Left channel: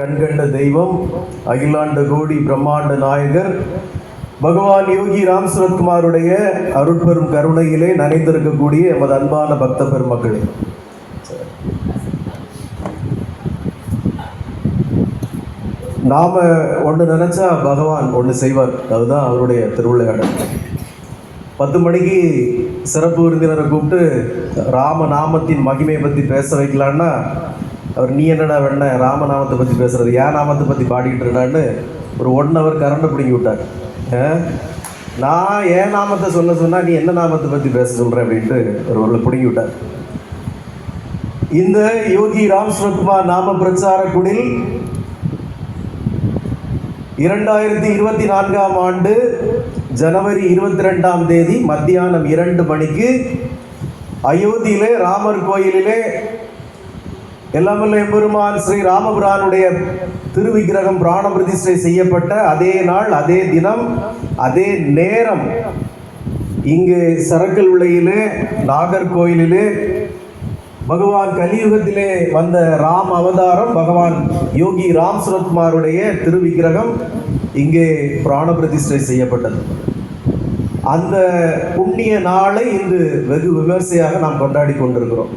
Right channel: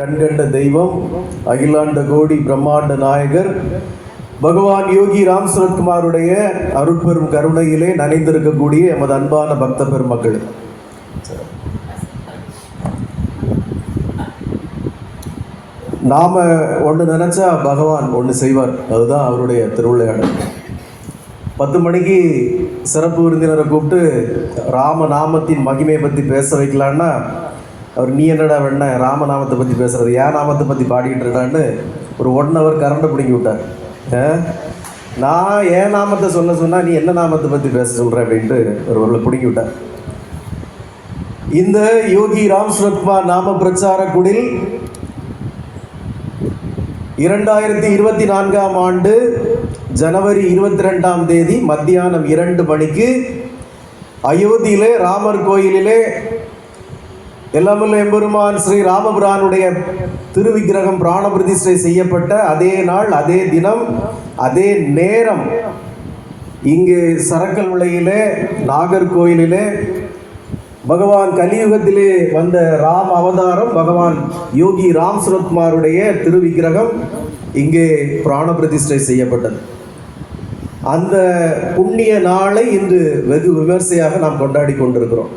கண்கண்ட தெய்வம் அகிலாண்ட கோடி பிரம்மாண்ட நாயகர் பகவான் யோகி ராம் சரத்குமாருடைய அருட்பெரும் கருணையிலே நனைந்திருக்கக்கூடிய எமது அன்பான பக்த பெருமக்களே, நாம ஒன்று நினைச்சா பகவான் ஒன்று செய்வார். அதுதான் அவருடைய திருவிளையாடல். 10 மணிக்கு சிறப்பு விருந்தினரை கூப்பிட்டு ராமநாமத்தின் மகிமையை பற்றி பேச வைக்கலான்னா அவர் நீ என்னடா வேண ராமநாமத்தை பற்றி பேசுறது, ஏன் நாமத்தை பற்றி பாடிக்கிட்டு இருக்கான்னு ஒரு 1 ஹவர் கரண்டை பிடிங்கி விட்டார். நான் ஏன் நாமத்தை சொல்ல சொன்னால் நீ என்ன நாமத்தை பற்றி பேச சொல்கிற அப்படின்ட்டு ஒரு பிடிங்கி விட்டார். இந்த யோகி ராம் சரத்குமார் நாம பிரச்சார குடில் 2024ஆம் ஆண்டு ஜனவரி 22ஆம் தேதி மத்தியானம் 2 மணிக்கு அயோத்தியிலே ராமர் கோயிலிலே எல்லாமல்ல எம்பெருமான் ஸ்ரீ ராமபிரானுடைய திருவிக்கிரகம் பிராண பிரதிஷ்டை செய்யப்பட்ட அதே நாள், அதே தினம், அதே நேரம் இங்கு சரக்கல் விளையிலே நாகர்கோயிலிலே பகவான் கலியுகத்திலே வந்த ராம் அவதாரம் பகவான் யோகி ராம் சரத்குமாருடைய திருவிக்கிரகம் இங்கே பிராண பிரதிஷ்டை செய்யப்பட்டது. அந்த புண்ணிய நாளை இன்று வெகு விமர்சையாக நாம் கொண்டாடி கொண்டிருக்கிறோம்.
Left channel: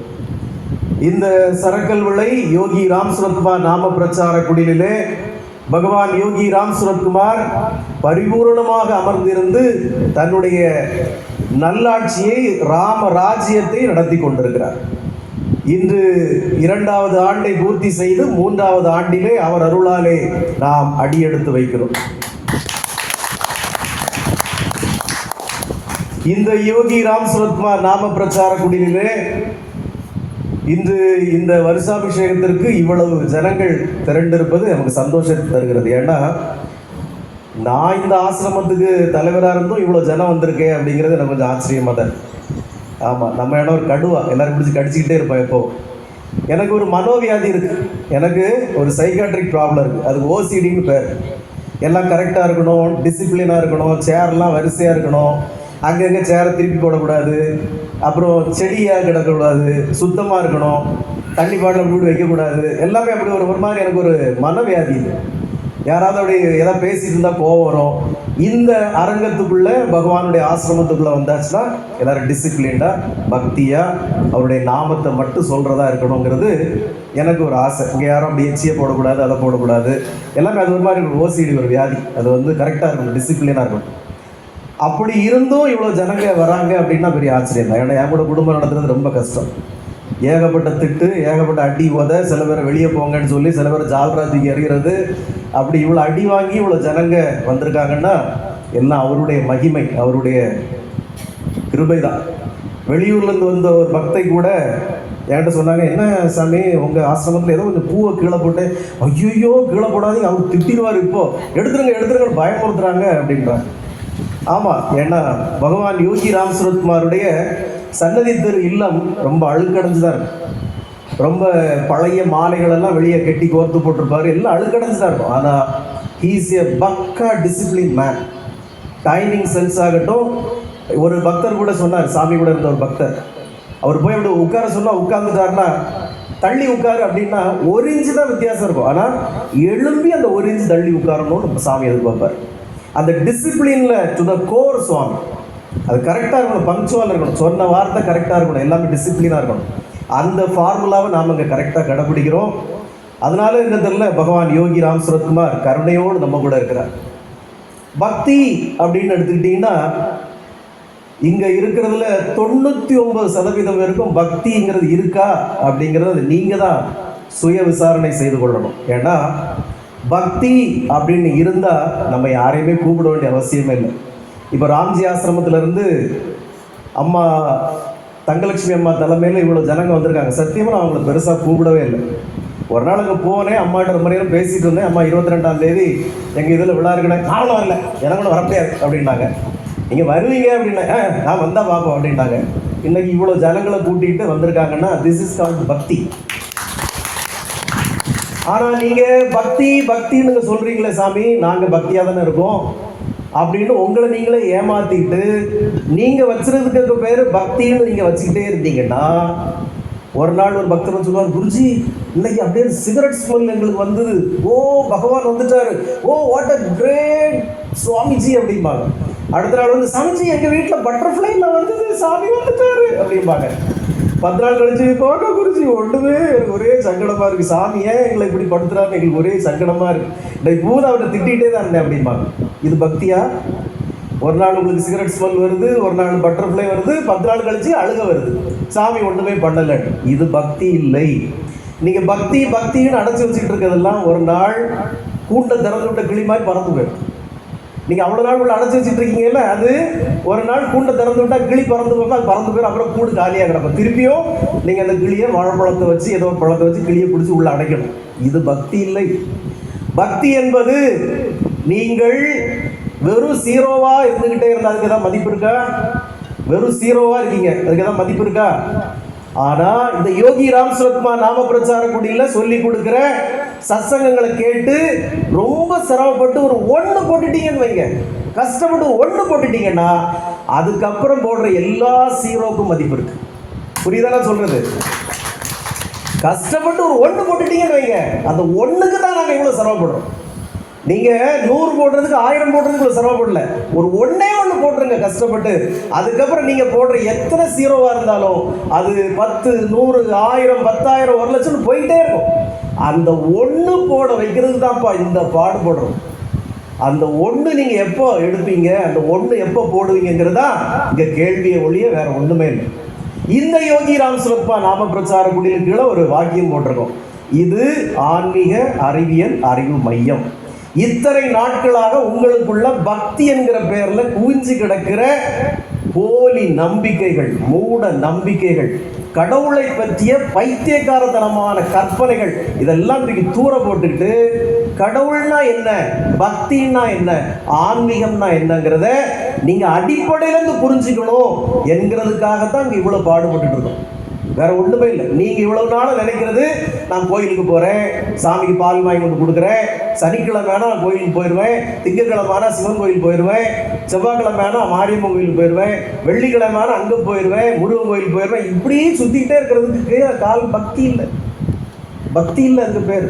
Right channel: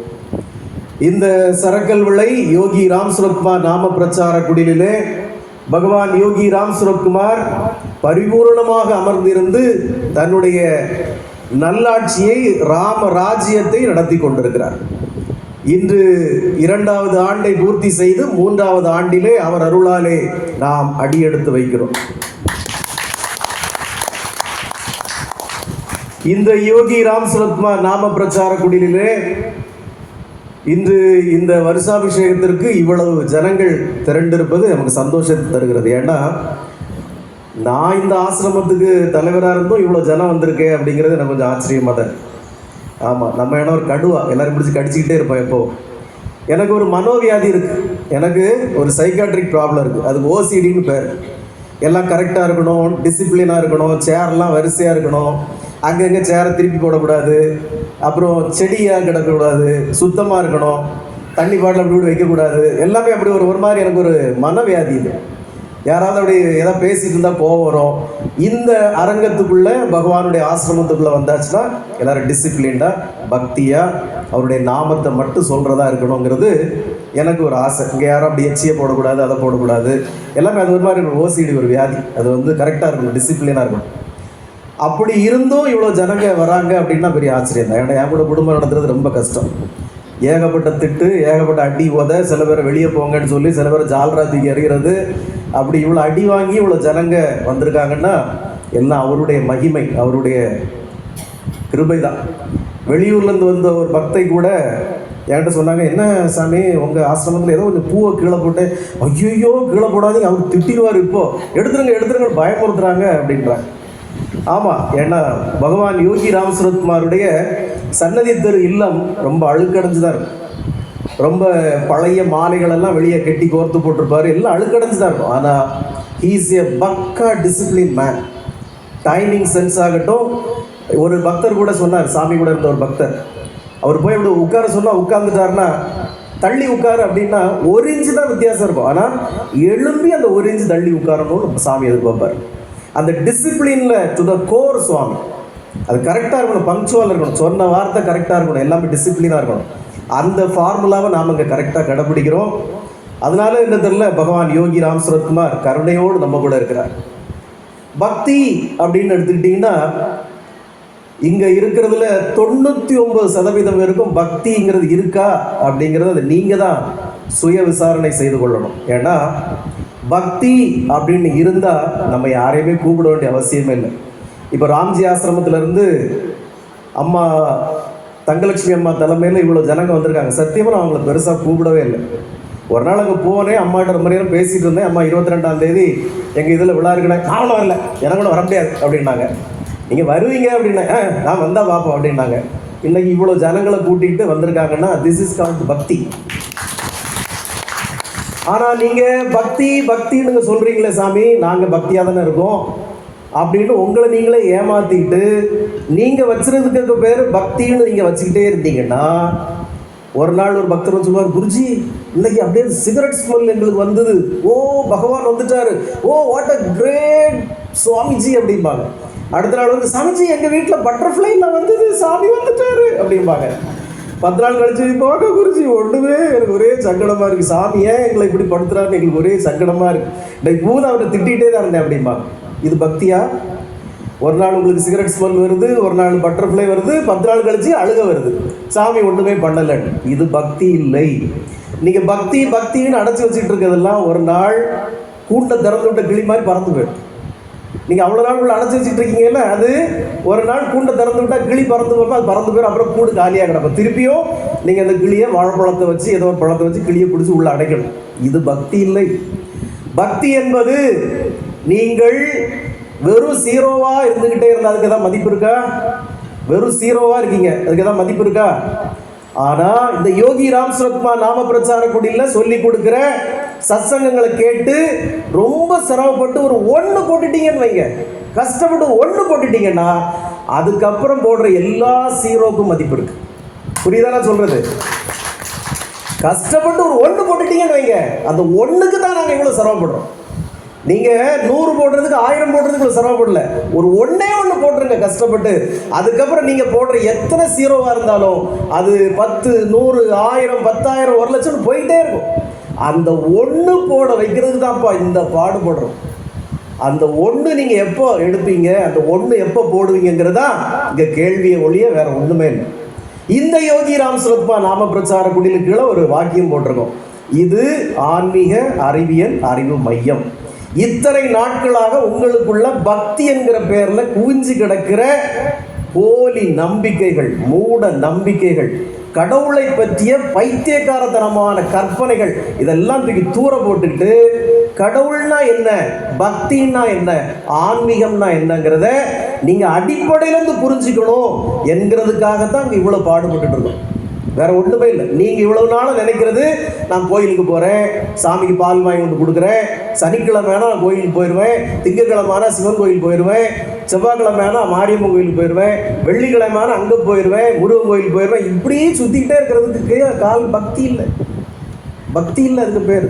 இந்த சரக்கல் விளை யோகி ராம் சரத்குமார் நாம பிரச்சார குடிலே பகவான் யோகி ராம் சரத்குமார் பரிபூர்ணமாக அமர்ந்திருந்து தன்னுடைய நல்லாட்சியை ராம ராஜ்யத்தை நடத்தி கொண்டிருக்கிறார். இன்று 2வது ஆண்டை பூர்த்தி செய்து 3வது ஆண்டிலே அவர் அருளாலே நாம் அடியெடுத்து வைக்கிறோம். இந்த யோகி ராம் சரத்குமார் நாம பிரச்சார குடிலே இன்று இந்த வருஷாபிஷேகத்திற்கு இவ்வளவு ஜனங்கள் திரண்டிருப்பது எனக்கு சந்தோஷத்தை தருகிறது. ஏன்னா நான் இந்த ஆசிரமத்துக்கு தலைவராக இருந்தும் இவ்வளோ ஜனம் வந்திருக்கேன் அப்படிங்கிறது எனக்கு கொஞ்சம் ஆச்சரியமாக தான். ஆமாம், நம்ம என்ன ஒரு கடுவா எல்லாரும் பிடிச்சி கடிச்சிக்கிட்டே இருப்போம். எப்போ எனக்கு ஒரு மனோவியாதி இருக்குது, எனக்கு ஒரு சைக்காட்ரிக் ப்ராப்ளம் இருக்குது, அதுக்கு ஓசிடின்னு பேர். எல்லாம் கரெக்டாக இருக்கணும், டிசிப்ளினாக இருக்கணும், சேர்லாம் வரிசையாக இருக்கணும், அங்கங்கே சேரை திருப்பி போடக்கூடாது, அப்புறம் செடியாக கிடக்கக்கூடாது, சுத்தமாக இருக்கணும், தண்ணி பாட்டில் அப்படி வைக்கக்கூடாது, எல்லாமே அப்படி ஒரு மாதிரி எனக்கு ஒரு மனவியாதி இது. யாராவது அப்படி எதாவது பேசிட்டு இருந்தால் கோவம் வரும். இந்த அரங்கத்துக்குள்ளே பகவானுடைய ஆசிரமத்துக்குள்ளே வந்தாச்சுன்னா எல்லோரும் டிசிப்ளின்டாக பக்தியாக அவருடைய நாமத்தை மட்டும் சொல்கிறதா இருக்கணுங்கிறது எனக்கு ஒரு ஆசை. இங்கே யாரும் அப்படி எச்சியை போடக்கூடாது, அதை போடக்கூடாது, எல்லாமே அது ஒரு மாதிரி ஓசிடி ஒரு வியாதி. அது கரெக்டாக இருக்கணும், டிசிப்ளினாக இருக்கணும். அப்படி இருந்தும் இவ்வளோ ஜனங்க வராங்க அப்படின்னா பெரிய ஆச்சரியம் தான். ஏன்னா என் கூட குடும்பம் நடத்துறது ரொம்ப கஷ்டம். ஏகப்பட்ட திட்டு, ஏகப்பட்ட அடி உதை, சில பேரை வெளியே போங்கன்னு சொல்லி சில பேர் ஜால்ரா தூக்கி எறிகிறது. அப்படி இவ்வளோ அடி வாங்கி இவ்வளோ ஜனங்க வந்திருக்காங்கன்னா எல்லாம் அவருடைய மகிமை, அவருடைய கிருபை தான். வெளியூர்லேருந்து வந்த ஒரு பக்தை கூட என்கிட்ட சொன்னாங்க, என்ன சாமி உங்கள் ஆசிரமத்தில் ஏதோ கொஞ்சம் பூவை கீழே போட்டு, ஐயோ கீழே போடாதீங்க அவர் திட்டிடுவார், இப்போது எடுத்துருங்க பயமுறுத்துறாங்க அப்படின்றாங்க. ஆமாம், ஏன்னா பகவான் யோகி ராம் சரத்குமாருடைய சன்னதி தெரு இல்லம் ரொம்ப அழுக்கடைஞ்சு தான் இருக்கும். ரொம்ப பழைய மாலைகளெல்லாம் வெளியே கட்டி கோர்த்து போட்டிருப்பாரு, எல்லாம் அழுக்கடைஞ்சு தான் இருக்கும். ஆனால் ஹீஸ் ஏ பக்கா டிசிப்ளின் மேன். டைமிங் சென்ஸ் ஆகட்டும். ஒரு பக்தர் கூட சொன்னார், சாமி கூட இருந்த ஒரு பக்தர், அவர் போய் அப்படி உட்கார சொன்னால் உட்காந்துட்டாருன்னா தள்ளி உட்காரு அப்படின்னா 1 இன்ச்சு தான் வித்தியாசம் இருக்கும். ஆனால் எழும்பி அந்த 1 இன்ச்சு தள்ளி உட்காரணும்னு சாமி எதிர்பார்ப்பார். அந்த டிசிப்ளினில் டு த கோர் சுவாமி. அது கரெக்டாக இருக்கணும், பங்க்சுவலாக இருக்கணும், சொன்ன வார்த்தை கரெக்டாக இருக்கணும், எல்லாமே டிசிப்ளினாக இருக்கணும். அந்த ஃபார்முலாவை நாம் இங்கே கரெக்டாக கடைப்பிடிக்கிறோம். அதனால என்ன தெரியல, பகவான் யோகி ராம் சரத்குமார் கருணையோடு நம்ம கூட இருக்கிறார். பக்தி அப்படின்னு எடுத்துக்கிட்டிங்கன்னா இங்கே இருக்கிறதுல 99% பேருக்கும் பக்திங்கிறது இருக்கா அப்படிங்கிறது அது நீங்கள் தான் சுய விசாரணை செய்து கொள்ளணும். ஏன்னா பக்தி அப்படின்னு இருந்தால் நம்ம யாரையுமே கூப்பிட வேண்டிய அவசியமே இல்லை. இப்போ ராம்ஜி ஆசிரமத்திலேருந்து அம்மா தங்கலட்சுமி அம்மா தலைமையில் இவ்வளோ ஜனங்க வந்திருக்காங்க. சத்தியமாக நான் அவங்கள பெருசாக கூப்பிடவே இல்லை. ஒரு நாள் அங்கே போனேன், அம்மாட்ட ரொம்ப நேரம் பேசிகிட்டு இருந்தேன். அம்மா 22ஆம் தேதி எங்கள் இதில் விழா இருக்குன்னு, நானும் வரல, எனக்கு வர முடியாது அப்படின்னாங்க. நீங்கள் வருவீங்க அப்படின்னாங்க, நான் வந்தால் பார்ப்போம் அப்படின்னாங்க. இன்றைக்கி இவ்வளோ ஜனங்களை கூட்டிகிட்டு வந்திருக்காங்கன்னா திஸ் இஸ் கால்ட் பக்தி. ஆனால் நீங்கள் பக்தின்னு சொல்கிறீங்களே சாமி, நாங்கள் பக்தியாக தானே இருக்கோம் அப்படின்னு உங்களை நீங்களே ஏமாற்றிட்டு நீங்கள் வச்சுருக்கிறதுக்கு பேர் பக்தின்னு நீங்கள் வச்சுக்கிட்டே இருந்தீங்கன்னா ஒரு நாள் ஒரு பக்தர் சொல்லுவார், குருஜி இன்னைக்கு அப்படியே சிகரெட் ஸ்மெல் எங்களுக்கு வந்தது. ஓ பகவான் வந்துட்டாரு, oh what a great Swamiji அப்படிம்பாங்க. அடுத்த நாள் வந்து, சாமிஜி எங்கள் வீட்டில் பட்டர்ஃப்ளைல வந்தது, சாமி வந்துட்டாரு அப்படிம்பாங்க. 10 நாள் கழிச்சு போக, குருஜி ஒன்றுமே எனக்கு ஒரே சங்கடமாக இருக்குது, சாமி ஏன் எங்களை இப்படி படுத்துறாருன்னு எங்களுக்கு ஒரே சங்கடமாக இருக்குது, இன்னைக்கு பூரா அவரை திட்டிகிட்டே தான் இருந்தேன் அப்படிம்பாங்க. இது பக்தியா? ஒரு நாள் உங்களுக்கு சிகரெட் ஸ்மெல் வருது, ஒரு நாள் பட்டர்ஃப்ளை வருது, 10 நாள் கழிச்சு அழுக வருது, சாமி ஒன்றுமே பண்ணலை. இது பக்தி இல்லை. நீங்கள் பக்தின்னு அடைச்சி வச்சுட்டு இருக்கிறதெல்லாம் ஒரு நாள் கூட்டை திறந்து விட்ட கிளி மாதிரி பறந்து போயிடும். நீங்கள் அவ்வளோ நாள் உள்ள அடைச்சி வச்சுட்டு இருக்கீங்கல்ல, அது ஒரு நாள் கூண்டை திறந்து விட்டால் கிளி பறந்து போகும், அது பறந்து போயிடும், அப்புறம் கூடு காலியாக கிடக்கும். திருப்பியும் நீங்கள் அந்த கிளியை வாழைப்பழத்தை வச்சு ஏதோ ஒரு பழத்தை வச்சு கிளியை பிடிச்சி உள்ளே அடைக்கணும். இது பக்தி இல்லை. பக்தி என்பது நீங்கள் வெறும் ஜீரோவா இருந்துகிட்டே இருந்தா அதுக்கு ஏதாவது மதிப்பு இருக்கா? வெறும் ஜீரோவா இருக்கீங்க, அதுக்கு ஏதாவது மதிப்பு இருக்கா? ஆனா இந்த யோகி ராம் சுரத்குமார் நாம பிரச்சார குடியில சொல்லி கொடுக்கிற சத்சங்கங்களை கேட்டு ரொம்ப சிரமப்பட்டு ஒரு 1 போட்டுட்டீங்கன்னு வைங்க, கஷ்டப்பட்டு 1 போட்டுட்டீங்கன்னா அதுக்கப்புறம் போடுற எல்லா ஜீரோக்கும் மதிப்பு இருக்கு. புரியுதா சொல்றது? கஷ்டப்பட்டு ஒரு 1 போட்டுட்டீங்கன்னு வைங்க, அந்த 1க்கு தான் நாங்கள் இவ்வளோ சிரமப்படுறோம். நீங்கள் 100 போடுறதுக்கு 1000 போடுறதுக்கு சிரமப்படல, ஒரு 1 போட்டுருங்க கஷ்டப்பட்டு. அதுக்கப்புறம் நீங்கள் போடுற எத்தனை ஜீரோவாக இருந்தாலும் அது 10, 100, 1000, 10,000, 1 லட்சம் போயிட்டே இருக்கும். அந்த 1 போட வைக்கிறதுக்கு தான்ப்பா இந்த பாடுபடுறோம். அந்த 1 நீங்கள் எப்போ எடுப்பீங்க, அந்த 1 எப்போ போடுவீங்கிறதா இங்கே கேள்வியை ஒழிய வேற ஒன்றுமே இல்லை. இந்த யோகி ராம் சுரத்குமார் நாம பிரச்சார குடிலுக்கு கீழே ஒரு வாக்கியம் போட்டிருக்கோம், இது ஆன்மீக அறிவியல் அறிவு மையம். இத்தனை நாட்களாக உங்களுக்குள்ள பக்தி என்கிற பெயர்ல குவிஞ்சு கிடக்கிற போலி நம்பிக்கைகள், மூட நம்பிக்கைகள், கடவுளை பற்றிய பைத்தியக்காரத்தனமான கற்பனைகள், இதெல்லாம் தூக்கி தூர போட்டுக்கிட்டு கடவுள்னா என்ன, பக்தின்னா என்ன, ஆன்மீகம்னா என்னங்கிறத நீங்க அடிப்படையிலிருந்து புரிஞ்சுக்கணும் என்கிறதுக்காகத்தான் இங்க இவ்வளவு பாடுபட்டு இருக்கோம். வேற ஒன்றுமே இல்லை. நீங்க இவ்வளவு நாளும் நினைக்கிறது, நான் கோயிலுக்கு போறேன், சாமிக்கு பால் வாங்கி கொடுக்குறேன், சனிக்கிழமைனா நான் கோயிலுக்கு போயிடுவேன், திங்கக்கிழமைனா சிவன் கோயில் போயிடுவேன், செவ்வாய்க்கிழமைனா மாரியம்மன் கோயிலுக்கு போயிடுவேன், வெள்ளிக்கிழமைனா அங்கே போயிடுவேன், முருகன் கோயிலுக்கு போயிடுவேன், இப்படியே சுத்திக்கிட்டே இருக்கிறதுக்கு கால் பக்தி இல்லை. பக்தி இல்லை அதுக்கு பேர்.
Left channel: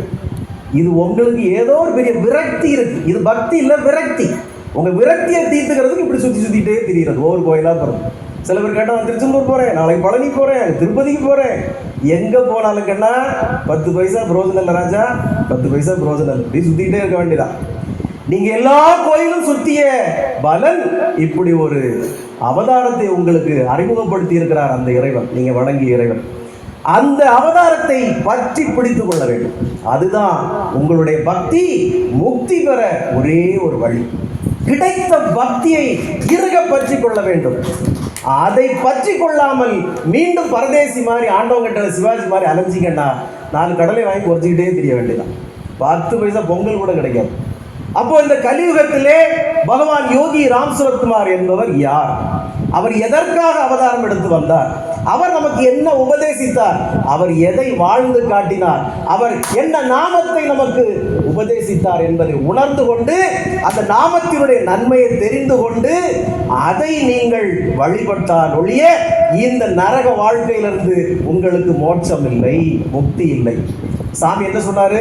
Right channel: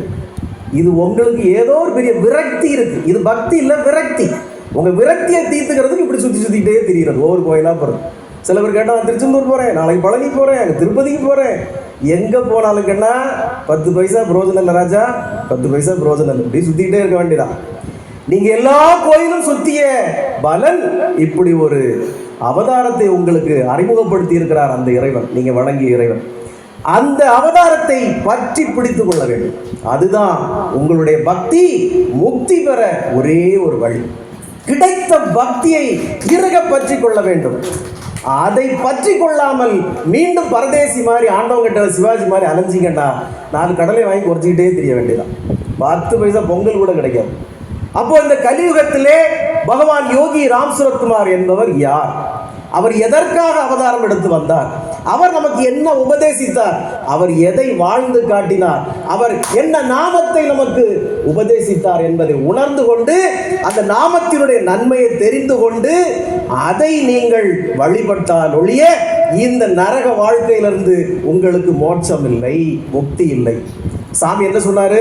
இது உங்களுக்கு ஏதோ ஒரு பெரிய விரக்தி இருக்கு. இது பக்தி இல்லை, விரக்தி. உங்க விரக்தியை தீர்த்துக்கிறதுக்கு இப்படி சுத்திட்டே தெரிகிறது ஒவ்வொரு கோயிலாக போகிறது. சில பேர் கேட்டால் நான் திருச்செந்தூர் போகிறேன், நாளைக்கு பழனி போகிறேன், திருப்பதிக்கு போகிறேன், எங்கே போனாலும் கேட்டா 10 பைசா பிரோஜனம் இல்லை ராஜா, 10 பைசா பிரோஜனம் இல்லை, இப்படி சுற்றிக்கிட்டே இருக்க வேண்டியதான். நீங்கள் எல்லா கோயிலும் சுற்றிய பலன் இப்படி ஒரு அவதாரத்தை உங்களுக்கு அறிமுகப்படுத்தி இருக்கிறார் அந்த இறைவன், நீங்கள் வணங்கிய இறைவன். அந்த அவதாரத்தை பற்றி பிடித்து கொள்ள வேண்டும். அதுதான் உங்களுடைய பக்தி முக்தி பெற ஒரே ஒரு வழி. கிடைத்த பக்தியை இறுக பற்றி கொள்ள வேண்டும். அதை பற்றி கொள்ளாமல் மீண்டும் பரதேசி மாதிரி ஆண்டவங்கிட்ட சிவாஜி மாதிரி அலைஞ்சிங்கன்னா 4 கடலை வாங்கி குறைச்சிக்கிட்டே தெரிய வேண்டியதான். 10 பைசா பொங்கல் கூட கிடைக்காது. அப்போ இந்த கலியுகத்திலே பகவான் யோகி ராம் சுரத்குமார் என்பவர் யார்? அவர் எதற்காக அவதாரம் எடுத்து வந்தார்? அவர் நமக்கு என்ன உபதேசித்தார்? அவர் எதை வாழ்ந்து காட்டினார்? அவர் என்ன நாமத்தை நமக்கு உபதேசித்தார் என்பதை உணர்ந்து கொண்டு, அந்த நாமத்தினுடைய நன்மையை தெரிந்து கொண்டு அதை நீங்கள் வழிபட்டால் ஒழிய இந்த நரக வாழ்க்கையிலிருந்து உங்களுக்கு மோட்சம் இல்லை, முக்தி இல்லை. சாமி என்ன சொன்னாரு?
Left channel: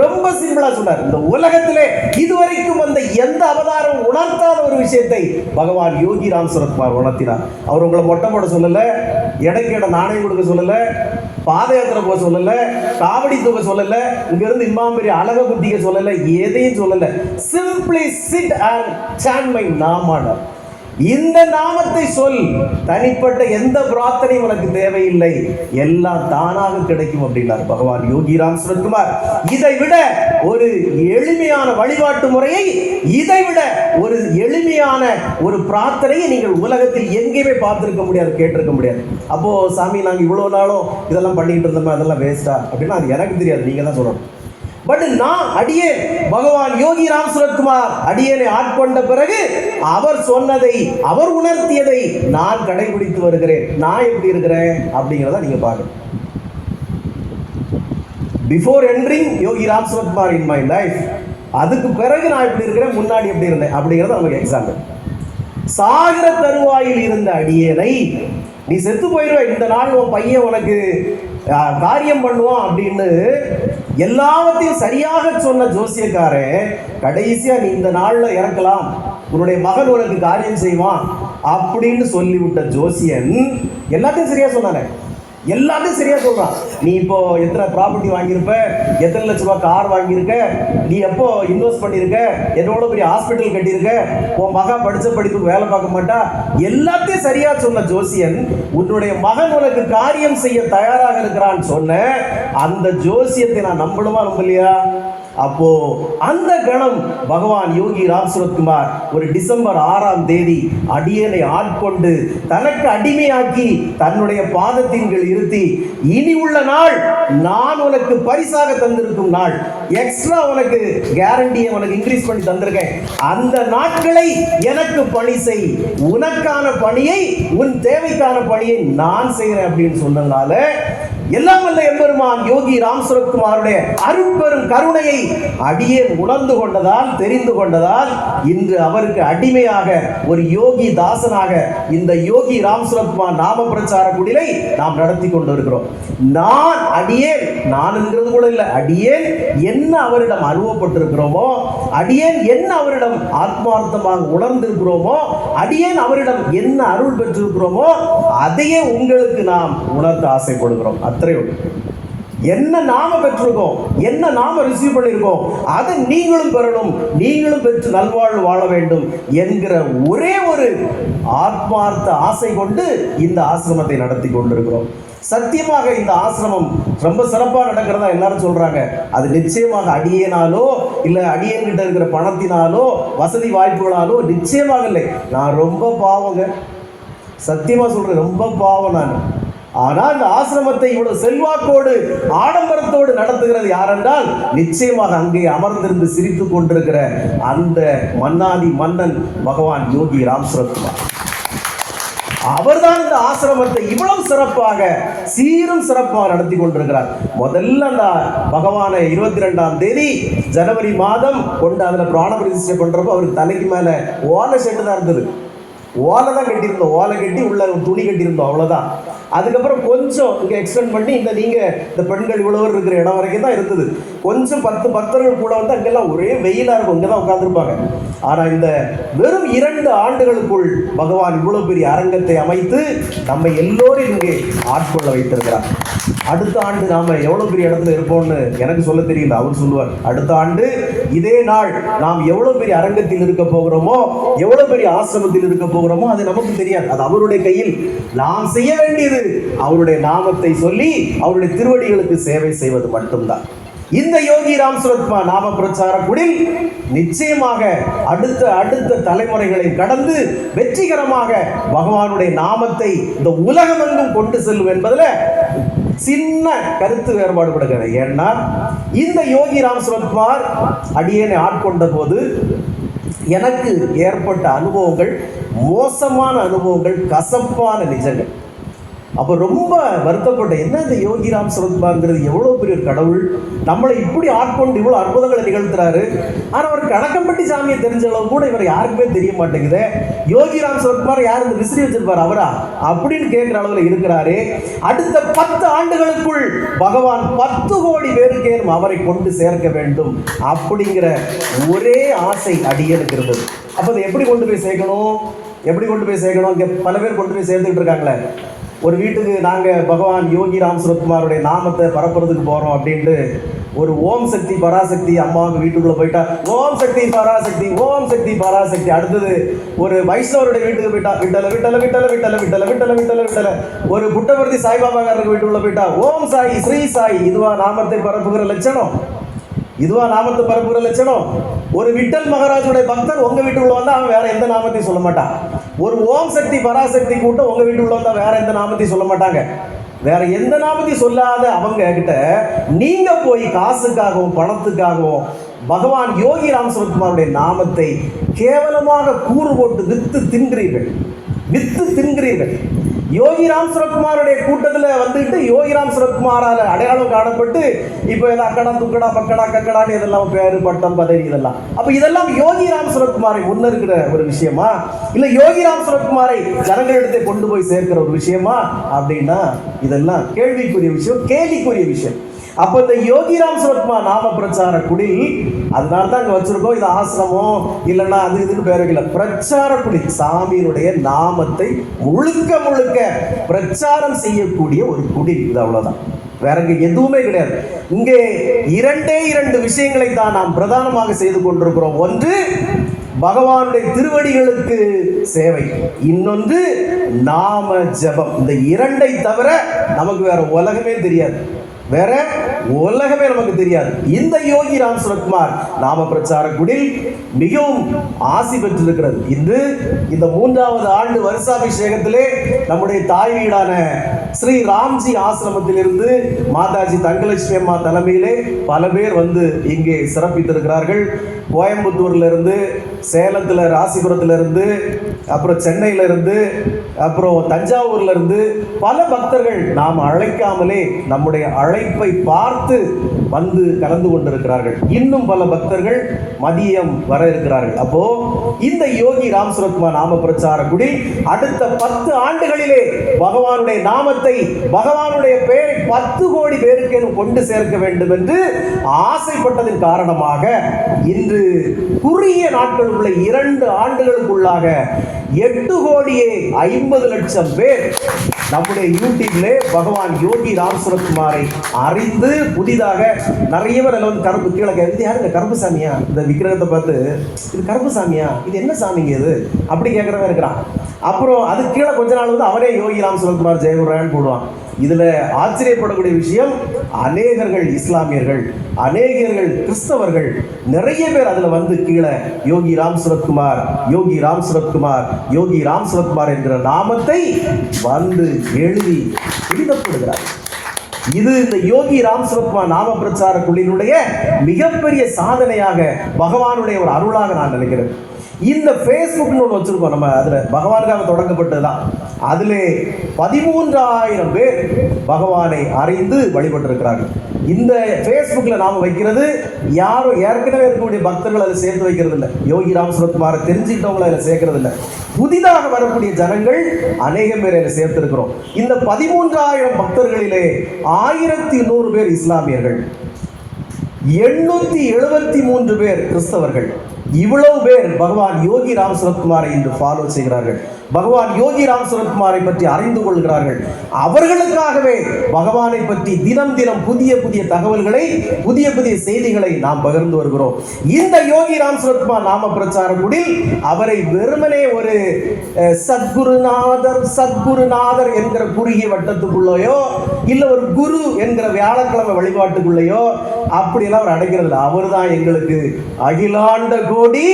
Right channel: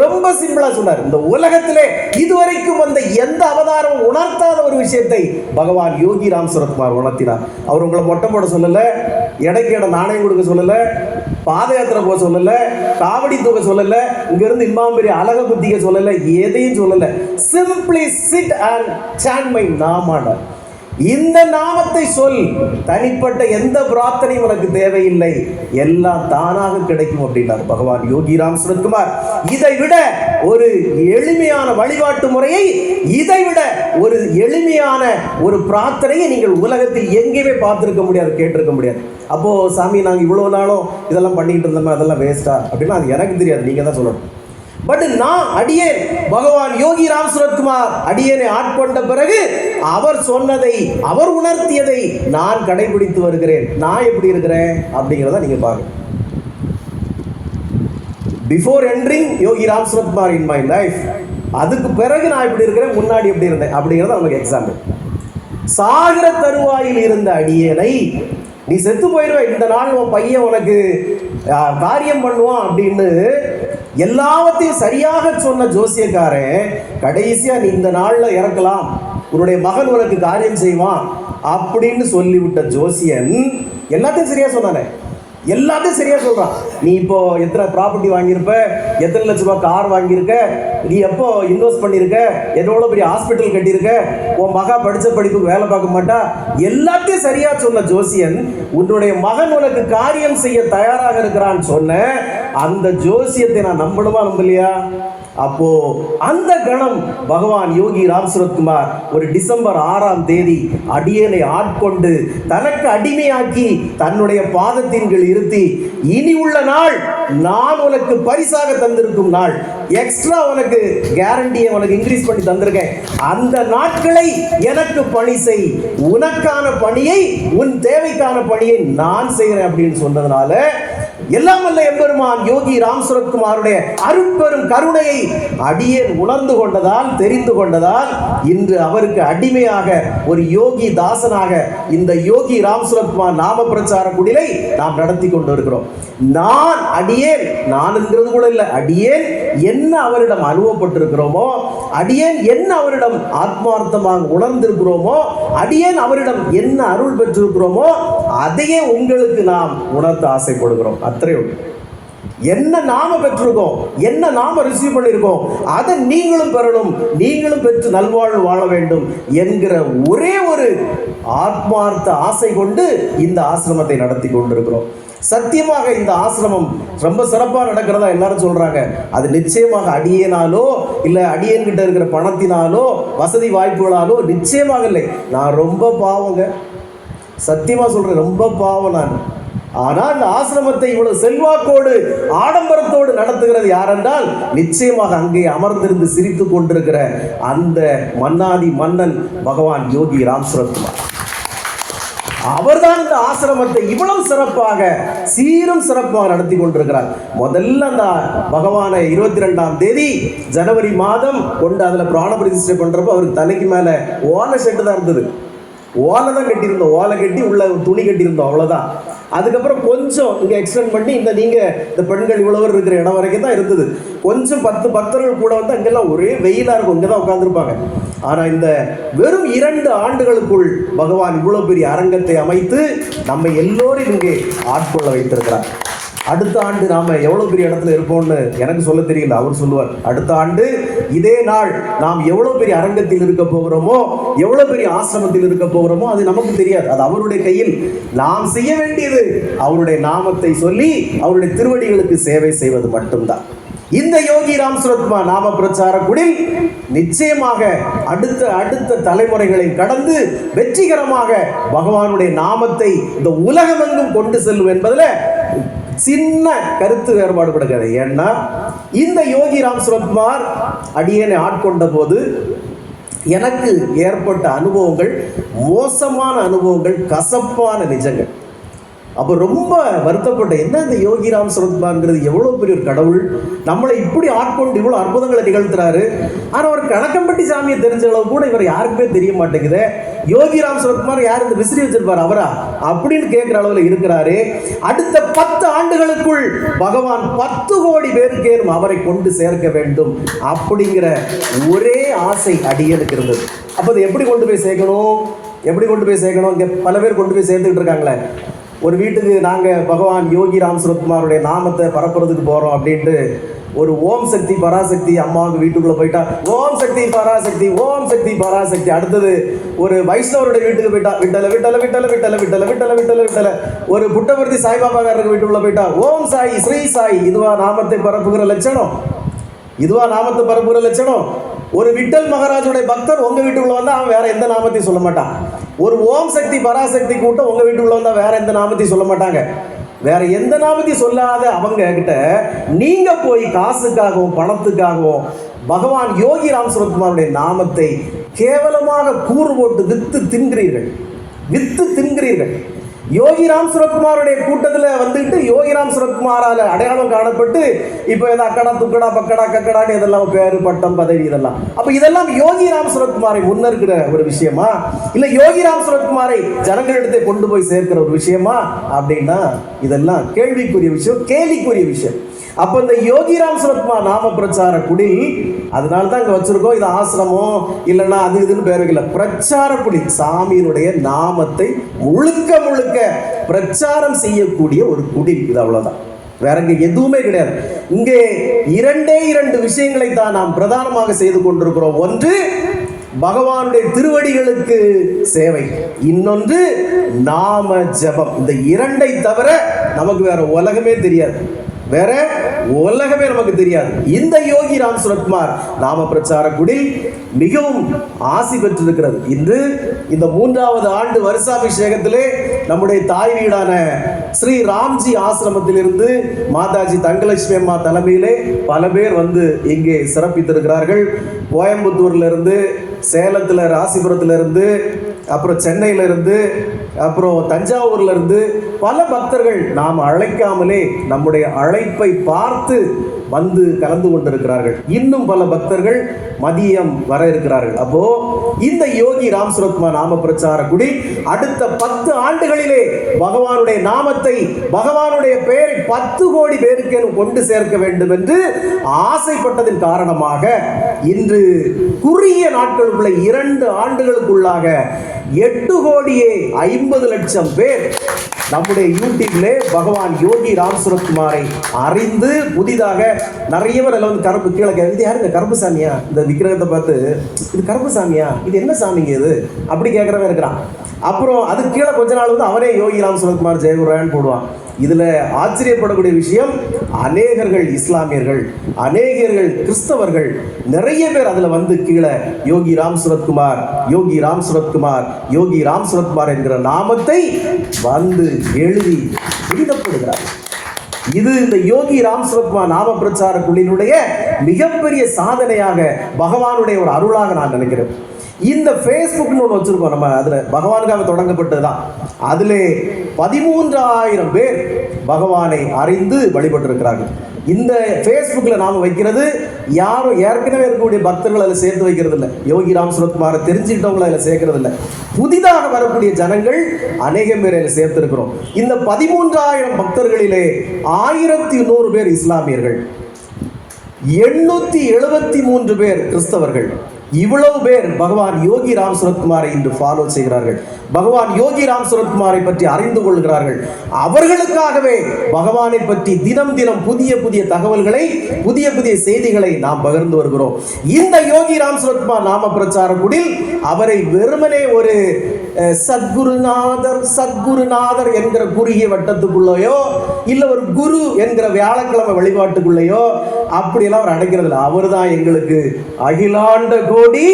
ரொம்ப சிம்பிளா சொன்னார். இந்த உலகத்திலே இதுவரைக்கும் வந்த எந்த அவதாரம் உணர்த்தாத ஒரு விஷயத்தை பகவான் யோகி ராம் சுரத்குமார் உணர்த்தினார். அவர் உங்களை மொட்டை போட சொல்லல, எடைக்கேட நாணயம் கொடுக்க சொல்லல, பாத யாத்திரை போக சொல்லல, காவடி தூக்க சொல்லல, இங்கிருந்து இம்மாம் பெரிய அழக புத்திக்க சொல்லல, எதையும் சொல்லல. Simply sit and chant my நாம. இந்த நாமத்தை சொல், தனிப்பட்ட எந்த பிரார்த்தனையும் உனக்கு தேவையில்லை, எல்லாம் தானாக கிடைக்கும் அப்படின்னார் பகவான் யோகி ராம் சுரத்குமார். இதை விட ஒரு எளிமையான வழிபாட்டு முறையை, இதை விட ஒரு எளிமையான ஒரு பிரார்த்தனையை நீங்கள் உலகத்தில் எங்கேயுமே பார்த்திருக்க முடியாது, கேட்டிருக்க முடியாது. அப்போ சாமி நாங்கள் இவ்வளவு நாளும் இதெல்லாம் பண்ணிட்டு இருந்தோம், அதெல்லாம் வேஸ்டா அப்படின்னா அது எனக்கு தெரியாது, நீங்க தான் சொல்லணும். பட் நான் அடியே பகவான் யோகி ராம் சுரத்குமார் அடியனை ஆட்கொண்ட பிறகு அவர் சொன்னதை, அவர் உணர்த்தியதை நான் கடைபிடித்து வருகிறேன். நான் எப்படி இருக்கிறேன் அப்படிங்கிறத நீங்க பார்க்கணும். Before entering Yogi Ram Suratkumar in my life, அதுக்கு பிறகு நான் எப்படி இருக்கிறேன், முன்னாடி எப்படி இருந்தேன் அப்படிங்கிறத நமக்கு எக்ஸாம்பிள். சாகர தருவாயில் இருந்த அடியனை நீ செத்து போயிடுவ, இந்த நாள் உன் பையன் உனக்கு காரியம் பண்ணுவான் அப்படின்னு எல்லாவற்றையும் சரியாக சொன்ன ஜோசியக்காரன் கடைசியா நீ இந்த நாள்ல இறக்கலாம், உன்னுடைய மகன் உனக்கு காரியம் செய்வான் அப்படின்னு சொல்லிவிட்ட ஜோசியன் எல்லாத்தையும் சரியா சொன்னானே, எல்லாத்தையும் சரியா சொல்றான். நீ இப்போ எத்தனை ப்ராப்பர்ட்டி வாங்கியிருப்ப, எத்தனை லட்ச ரூபாய் கார் வாங்கியிருக்க, நீ எப்போ இன்வெஸ்ட் பண்ணியிருக்க, எவ்வளோ பெரிய ஹாஸ்பிட்டல் கட்டியிருக்க, உன் மகா படித்த படிப்புக்கு வேலை பார்க்க மாட்டா, எல்லாத்தையும் சரியா சொன்ன ஜோசியன் உன்னுடைய மகன் உனக்கு காரியம் செய்ய தயாராக இருக்கிறான்னு சொன்ன அந்த ஜோசியத்தை நான் நம்பணுமா நம்பலையா? அப்போ அந்த கணம் பகவான் யோகி ராம் சுரத்குமார் ஒரு டிசம்பர் 6ஆம் தேதி அடியனை ஆட்கொண்டு தனக்கு அடிமையாக்கி தன்னுடைய பாதத்தின் கீழ் இருத்தி, இனி உள்ள நாள் நான் உனக்கு பரிசாக தந்திருக்கும் நாள், எக்ஸ்ட்ரா உனக்கு கேரண்டியை உனக்கு இன்க்ரீஸ் பண்ணி தந்திருக்கேன், அந்த நாட்களை எனக்கு பணி செய், உனக்கான பணியை, உன் தேவைக்கான பணியை நான் செய்கிறேன் அப்படின்னு சொன்னதுனால எல்லாம் வல்ல எம்பெருமான் யோகி ராம் சுரத்குமாருடைய அருட்பெரும் கருணையை அடியேன் உணர்ந்து கொண்டதால், தெரிந்து கொண்டதால் இன்று அவருக்கு அடிமையாக ஒரு யோகி தாசனாக இந்த யோகி ராம் சுரத்குமார் நாம பிரச்சார குடிலை நாம் நடத்தி கொண்டு இருக்கிறோம். நான் அடியேன், நான் என்கிறது கூட இல்லை, அடியேன் என்ன அவரிடம் அனுபவப்பட்டிருக்கிறோமோ, அடியேன் என்ன அவரிடம் ஆத்மார்த்தமாக உணர்ந்திருக்கிறோமோ, அடியேன் அவரிடம் என்ன அருள் பெற்றிருக்கிறோமோ அதையே உங்களுக்கு நாம் உணர்த்த ஆசைப்படுகிறோம். அத்தனை என்ன நாம பெற்றிருக்கோம், என்ன நாம ரிசீவ் பண்ணியிருக்கோம், அதை நீங்களும் பெறணும், நீங்களும் பெற்று நல்வாழ்வு வாழ வேண்டும் என்கிற ஒரே ஒரு ஆத்மார்த்த ஆசை கொண்டு இந்த ஆசிரமத்தை நடத்தி கொண்டிருக்கிறோம். சத்தியமாக இந்த ஆசிரமம் ரொம்ப சிறப்பாக நடக்கிறதா எல்லாரும் சொல்றாங்க. அது நிச்சயமாக அடியேனாலோ இல்லை அடியேன்கிட்ட இருக்கிற பணத்தினாலோ வசதி வாய்ப்புகளாலோ நிச்சயமாக இல்லை. நான் ரொம்ப பாவங்க, சத்தியமா சொல்றேன், ரொம்ப பாவம் நான். ஆனால் அந்த ஆசிரமத்தை இவ்வளவு செல்வாக்கோடு ஆடம்பரத்தோடு நடத்துகிறது யாரென்றால் நிச்சயமாக அங்கே அமர்ந்திருந்து சிரித்துக் கொண்டிருக்கிற அந்த மன்னாதி மன்னன் பகவான் யோகி ராம் சுரத்குமார். அவர்தான் இந்த ஆசிரமத்தை இவ்வளவு சிறப்பாக சீரும் சிறப்பாக நடத்தி கொண்டிருக்கிறார். முதல்ல அந்த பகவானை 22ஆம் தேதி ஜனவரி மாதம் கொண்டு அதில் பிராண பிரதிஷ்டை பண்றப்போ அவருக்கு தலைக்கு மேல ஓலை செட்டு தான் இருந்தது. ஓலை தான் கட்டியிருந்தோம், ஓலை கட்டி உள்ள துணி கட்டியிருந்தோம், அவ்வளவுதான். அதுக்கப்புறம் கொஞ்சம் இங்கே எக்ஸ்டெண்ட் பண்ணி இந்த பெண்கள் இவ்வளவு இருக்கிற இடம் வரைக்கும் தான் இருந்தது. கொஞ்சம் 10 பக்தர்கள் கூட வந்து அங்கெல்லாம் ஒரே வெயிலாக இருக்கும், இங்கே தான் உட்காந்துருப்பாங்க. ஆனால் இந்த வெறும் 2 ஆண்டுகளுக்குள் பகவான் இவ்வளவு பெரிய அரங்கத்தை அமைத்து நம்ம எல்லோரும் இங்கே ஆட்கொள்ள வைத்திருக்கிறார். அடுத்த ஆண்டு நாம் எவ்வளோ பெரிய இடத்துல இருப்போம்னு எனக்கு சொல்ல தெரியல, அவர் சொல்லுவார். அடுத்த ஆண்டு இதே நாள் நாம் எவ்வளோ பெரிய அரங்கத்தில் இருக்க போகிறோமோ, எவ்வளோ பெரிய ஆசிரமத்தில் இருக்க போகிறோமோ அது நமக்கு தெரியாது. அது அவருடைய கையில். நாம் செய்ய வேண்டியது அவருடைய நாமத்தை சொல்லி அவருடைய திருவடிகளுக்கு சேவை செய்வது மட்டும்தான். இந்த யோகி ராம் சுரத்குமார் நாம பிரச்சார குடில் நிச்சயமாக அடுத்த தலைமுறைகளை கடந்து வெற்றிகரமாக பகவானுடைய நாமத்தை இந்த உலகமெங்கும் கொண்டு செல்லும் என்பதில் சின்ன கருத்து வேறுபாடு கொடுக்கிறது. ஏன்னா இந்த யோகி ராம் சுரத்குமார் அடியேனை ஆட்கொண்ட போது எனக்கு ஏற்பட்ட அனுபவங்கள் மோசமான அனுபவங்கள், கசப்பான நிஜங்கள். அப்போ ரொம்ப வருத்தப்பட்ட, என்ன இந்த யோகி ராம் சுரத்குமார்ங்கிறது எவ்வளோ பெரிய ஒரு கடவுள், நம்மளை இப்படி ஆட்கொண்டு இவ்வளோ அற்புதங்களை நிகழ்த்துறாரு. ஆனால் அவர் கணக்கம்பட்டி சாமியை தெரிஞ்ச அளவு கூட இவர் யாருக்குமே தெரிய மாட்டேங்குது. யோகி ராம் சுரத்குமார் யார் இந்த விசிறி வச்சிருப்பார் அவரா அப்படின்னு கேட்குற அளவில் இருக்கிறாரு. அடுத்த 10 ஆண்டுகளுக்குள் பகவான் 10 கோடி பேருக்கேனும் அவரை கொண்டு சேர்க்க வேண்டும் அப்படிங்கிற ஒரே ஆசை அடியனுக்கு இருந்தது. அப்போ அதை எப்படி கொண்டு போய் சேர்க்கணும், இங்கே பல பேர் கொண்டு போய் சேர்த்துக்கிட்டு இருக்காங்களே. ஒரு வீட்டுக்கு நாங்கள் பகவான் யோகி ராம் சுரத்குமாருடைய நாமத்தை பரப்புறதுக்கு போகிறோம் அப்படின்ட்டு ஒரு ஓம் சக்தி பராசக்தி அம்மாவுக்கு வீட்டுக்குள்ளே போயிட்டா ஓம் சக்தி பராசக்தி, ஓம் சக்தி பராசக்தி. அடுத்தது ஒரு வைஷ்ணவருடைய வீட்டுக்கு போயிட்டா விட்டல விட்டல விட்டல விட்டல விட்டல விட்டல விட்டல விட்டல. ஒரு புட்டபர்த்தி சாய்பாபாக்காரருக்கு வீட்டுக்குள்ளே போயிட்டா ஓம் சாய் ஸ்ரீ சாய். இதுவா நாமத்தை பரப்புகிற லட்சணம்? இதுவா நாமத்தை பரப்புகிற லட்சணம்? ஒரு விட்டல் மகாராஜுடைய பக்தர் உங்க வீட்டுக்குள்ள வந்தா அவன் வேற எந்த நாமத்தையும் சொல்ல மாட்டான். ஒரு ஓம் சக்தி பராசக்தி கூட்டம் உங்க வீட்டுக்குள்ள வந்தா வேற எந்த நாமத்தையும் சொல்ல மாட்டாங்க. வேற எந்த நாமத்தையும் சொல்லாத அவங்க கிட்ட நீங்க போய் காசுக்காகவும் பணத்துக்காகவும் பகவான் யோகி ராம் சுரத்குமாருடைய நாமத்தை கேவலமாக கூறு போட்டு வித்து தின்கிறீர்கள். யோகிராம் சுரத்குமாருடைய கூட்டத்தில் வந்துட்டு யோகிராம் சுரத்குமாரால் அடையாளம் காணப்பட்டு இப்போ ஏதோ அக்கடா துக்கடா பக்கடா கக்கடான்னு இதெல்லாம் பேரு பட்டம் பதவி இதெல்லாம். அப்போ இதெல்லாம் யோகிராம் சுரத்குமாரை முன்னிறுக்கிற ஒரு விஷயமா, இல்லை யோகிராம் சுரத்குமாரை ஜனங்களிடத்தை கொண்டு போய் சேர்க்கிற ஒரு விஷயமா அப்படின்னா இதெல்லாம் கேள்விக்குரிய விஷயம், கேலிக்குரிய விஷயம். அப்ப இந்த யோகிராம் சுரத்குமார் நாம பிரச்சார குடில், அதனால தான் இங்க வச்சிருக்கோம். இது ஆசிரமம் இல்லைன்னா அது இதுன்னு பேர் வைக்கல, பிரச்சார குடில். சாமியினுடைய நாமத்தை முழுக்க முழுக்க பிரச்சாரம் செய்யக்கூடிய ஒரு குடில். இது அவ்வளவுதான், வேற எதுவுமே கிடையாது. இங்கே இரண்டே இரண்டு விஷயங்களை தான் நாம் பிரதானமாக செய்து கொண்டிருக்கிறோம். ஒன்று பகவானுடைய திருவடிகளுக்கு சேவை, இன்னொன்று நாம ஜபம். இந்த இரண்டை தவிர நமக்கு வேற உலகமே தெரியாது, வேற உலகமே நமக்கு தெரியாது. இந்த யோகிராம் சுரத்குமார் நாம பிரச்சார குடில் மிகவும் ஆசி பெற்றிருக்கிறது. இன்று இந்த 3வது ஆண்டு வருஷாபிஷேகத்திலே நம்முடைய தாய் வீடான ஸ்ரீ ராம்ஜி ஆசிரமத்திலிருந்து மாதாஜி தங்கலட்சுமி அம்மா தலைமையிலே பல பேர் வந்து இங்கே சிறப்பித்திருக்கிறார்கள். கோயம்புத்தூர்ல இருந்து, சேலத்தில், ராசிபுரத்துல இருந்து, அப்புறம் சென்னையில இருந்து, அப்புறம் தஞ்சாவூர்ல இருந்து பல பக்தர்கள் நாம் அழைக்காமலே நம்முடைய அழைப்பை பார்த்து வந்து கலந்து கொண்டிருக்கிறார்கள். இன்னும் பல பக்தர்கள் மதியம் வர இருக்கிறார்கள். அப்போ இந்த யோகி ராம் சுரத்குமார் நாம பிரச்சார குடி அடுத்த 10 ஆண்டுகளிலே பகவானுடைய நாமத்தை, பகவானுடைய பெயரை 10 கோடி பேருக்கு கொண்டு சேர்க்க வேண்டும் என்று ஆசைப்பட்டதின் காரணமாக இன்று குறுகிய நாட்களுக்குள்ள 2 ஆண்டுகளுக்குள்ளாக 8,50,00,000 பேர் நம்முடைய யூடியூப்ல பகவான் யோகி ராம் சுரத்குமாரை அறிந்து புதிதாக நிறைய பேர் எல்லாம் கருப்பு கீழே, இது யாருங்க கருப்பு சாமியா, இந்த விக்கிரகத்தை பார்த்து இது கருப்பு சாமியா, இது என்ன சாமிங்க இது அப்படி கேட்கறவன் இருக்கிறான். அப்புறம் அது கீழே கொஞ்ச நாள் வந்து அவனே யோகி ராம் சுரத்குமார் ஜெயகுரான்னு போடுவான். இதுல ஆச்சரியப்படக்கூடிய விஷயம், அநேகர்கள் இஸ்லாமியர்கள், அநேகர்கள் கிறிஸ்தவர்கள், நிறைய பேர் அதுல வந்து கீழே யோகி ராம் சுரத்குமார், யோகி ராம் சுரத்குமார், யோகி ராம் சுரத்குமார் என்கிற நாமத்தை வந்து எழுதி எழுதப்படுகிறார். இது இந்த யோகி ராம் சுரத்குமார் நாம பிரச்சார குழுவினுடைய மிகப்பெரிய சாதனையாக, பகவானுடைய ஒரு அருளாக நான் நினைக்கிறேன். இந்த ஃபேஸ்புக்னு ஒன்று வச்சிருக்கோம் நம்ம, அதில் பகவானுக்காக தொடங்கப்பட்டதுதான். அதில் 13,000 பேர் பகவானை அறிந்து வழிபட்டிருக்கிறார்கள். இந்த ஃபேஸ்புக்கில் நாம் வைக்கிறது யாரும் ஏற்கனவே இருக்கக்கூடிய பக்தர்கள் அதில் சேர்த்து வைக்கிறது இல்லை, யோகி ராம் சுரத்குமாரை தெரிஞ்சுக்கிட்டவங்களை அதில் சேர்க்கறது இல்லை. புதிதாக வரக்கூடிய ஜனங்கள் அநேகம் பேர் அதில் சேர்த்திருக்கிறோம். இந்த 13,000 பக்தர்களிலே 1,100 பேர் இஸ்லாமியர்கள், 873 பேர் கிறிஸ்தவர்கள். இவ்வளவு பேர் பகவான் யோகி ராம் சுரத்குமாரை இன்று ஃபாலோ செய்கிறார்கள், பகவான் யோகி ராம் சுரத்குமாரை பற்றி அறிந்து கொள்கிறார்கள். அவர்களுக்காகவே பகவானை பற்றி தினம் தினம் புதிய புதிய தகவல்களை, புதிய புதிய செய்திகளை நாம் பகிர்ந்து வருகிறோம். இந்த யோகி ராம் சுரத்குமார் நாம பிரச்சார குடில் அவரை வெறுமனே ஒரு சத்குருநாதர் என்கிற குறுகிய வட்டத்துக்குள்ளேயோ இல்ல ஒரு குரு என்கிற வியாழக்கிழமை வழிபாட்டுக்குள்ளேயோ அப்படியெல்லாம் அவர் அடைக்கிறது இல்லை. அவர் தான் எங்களுக்கு அகிலாண்ட கோடி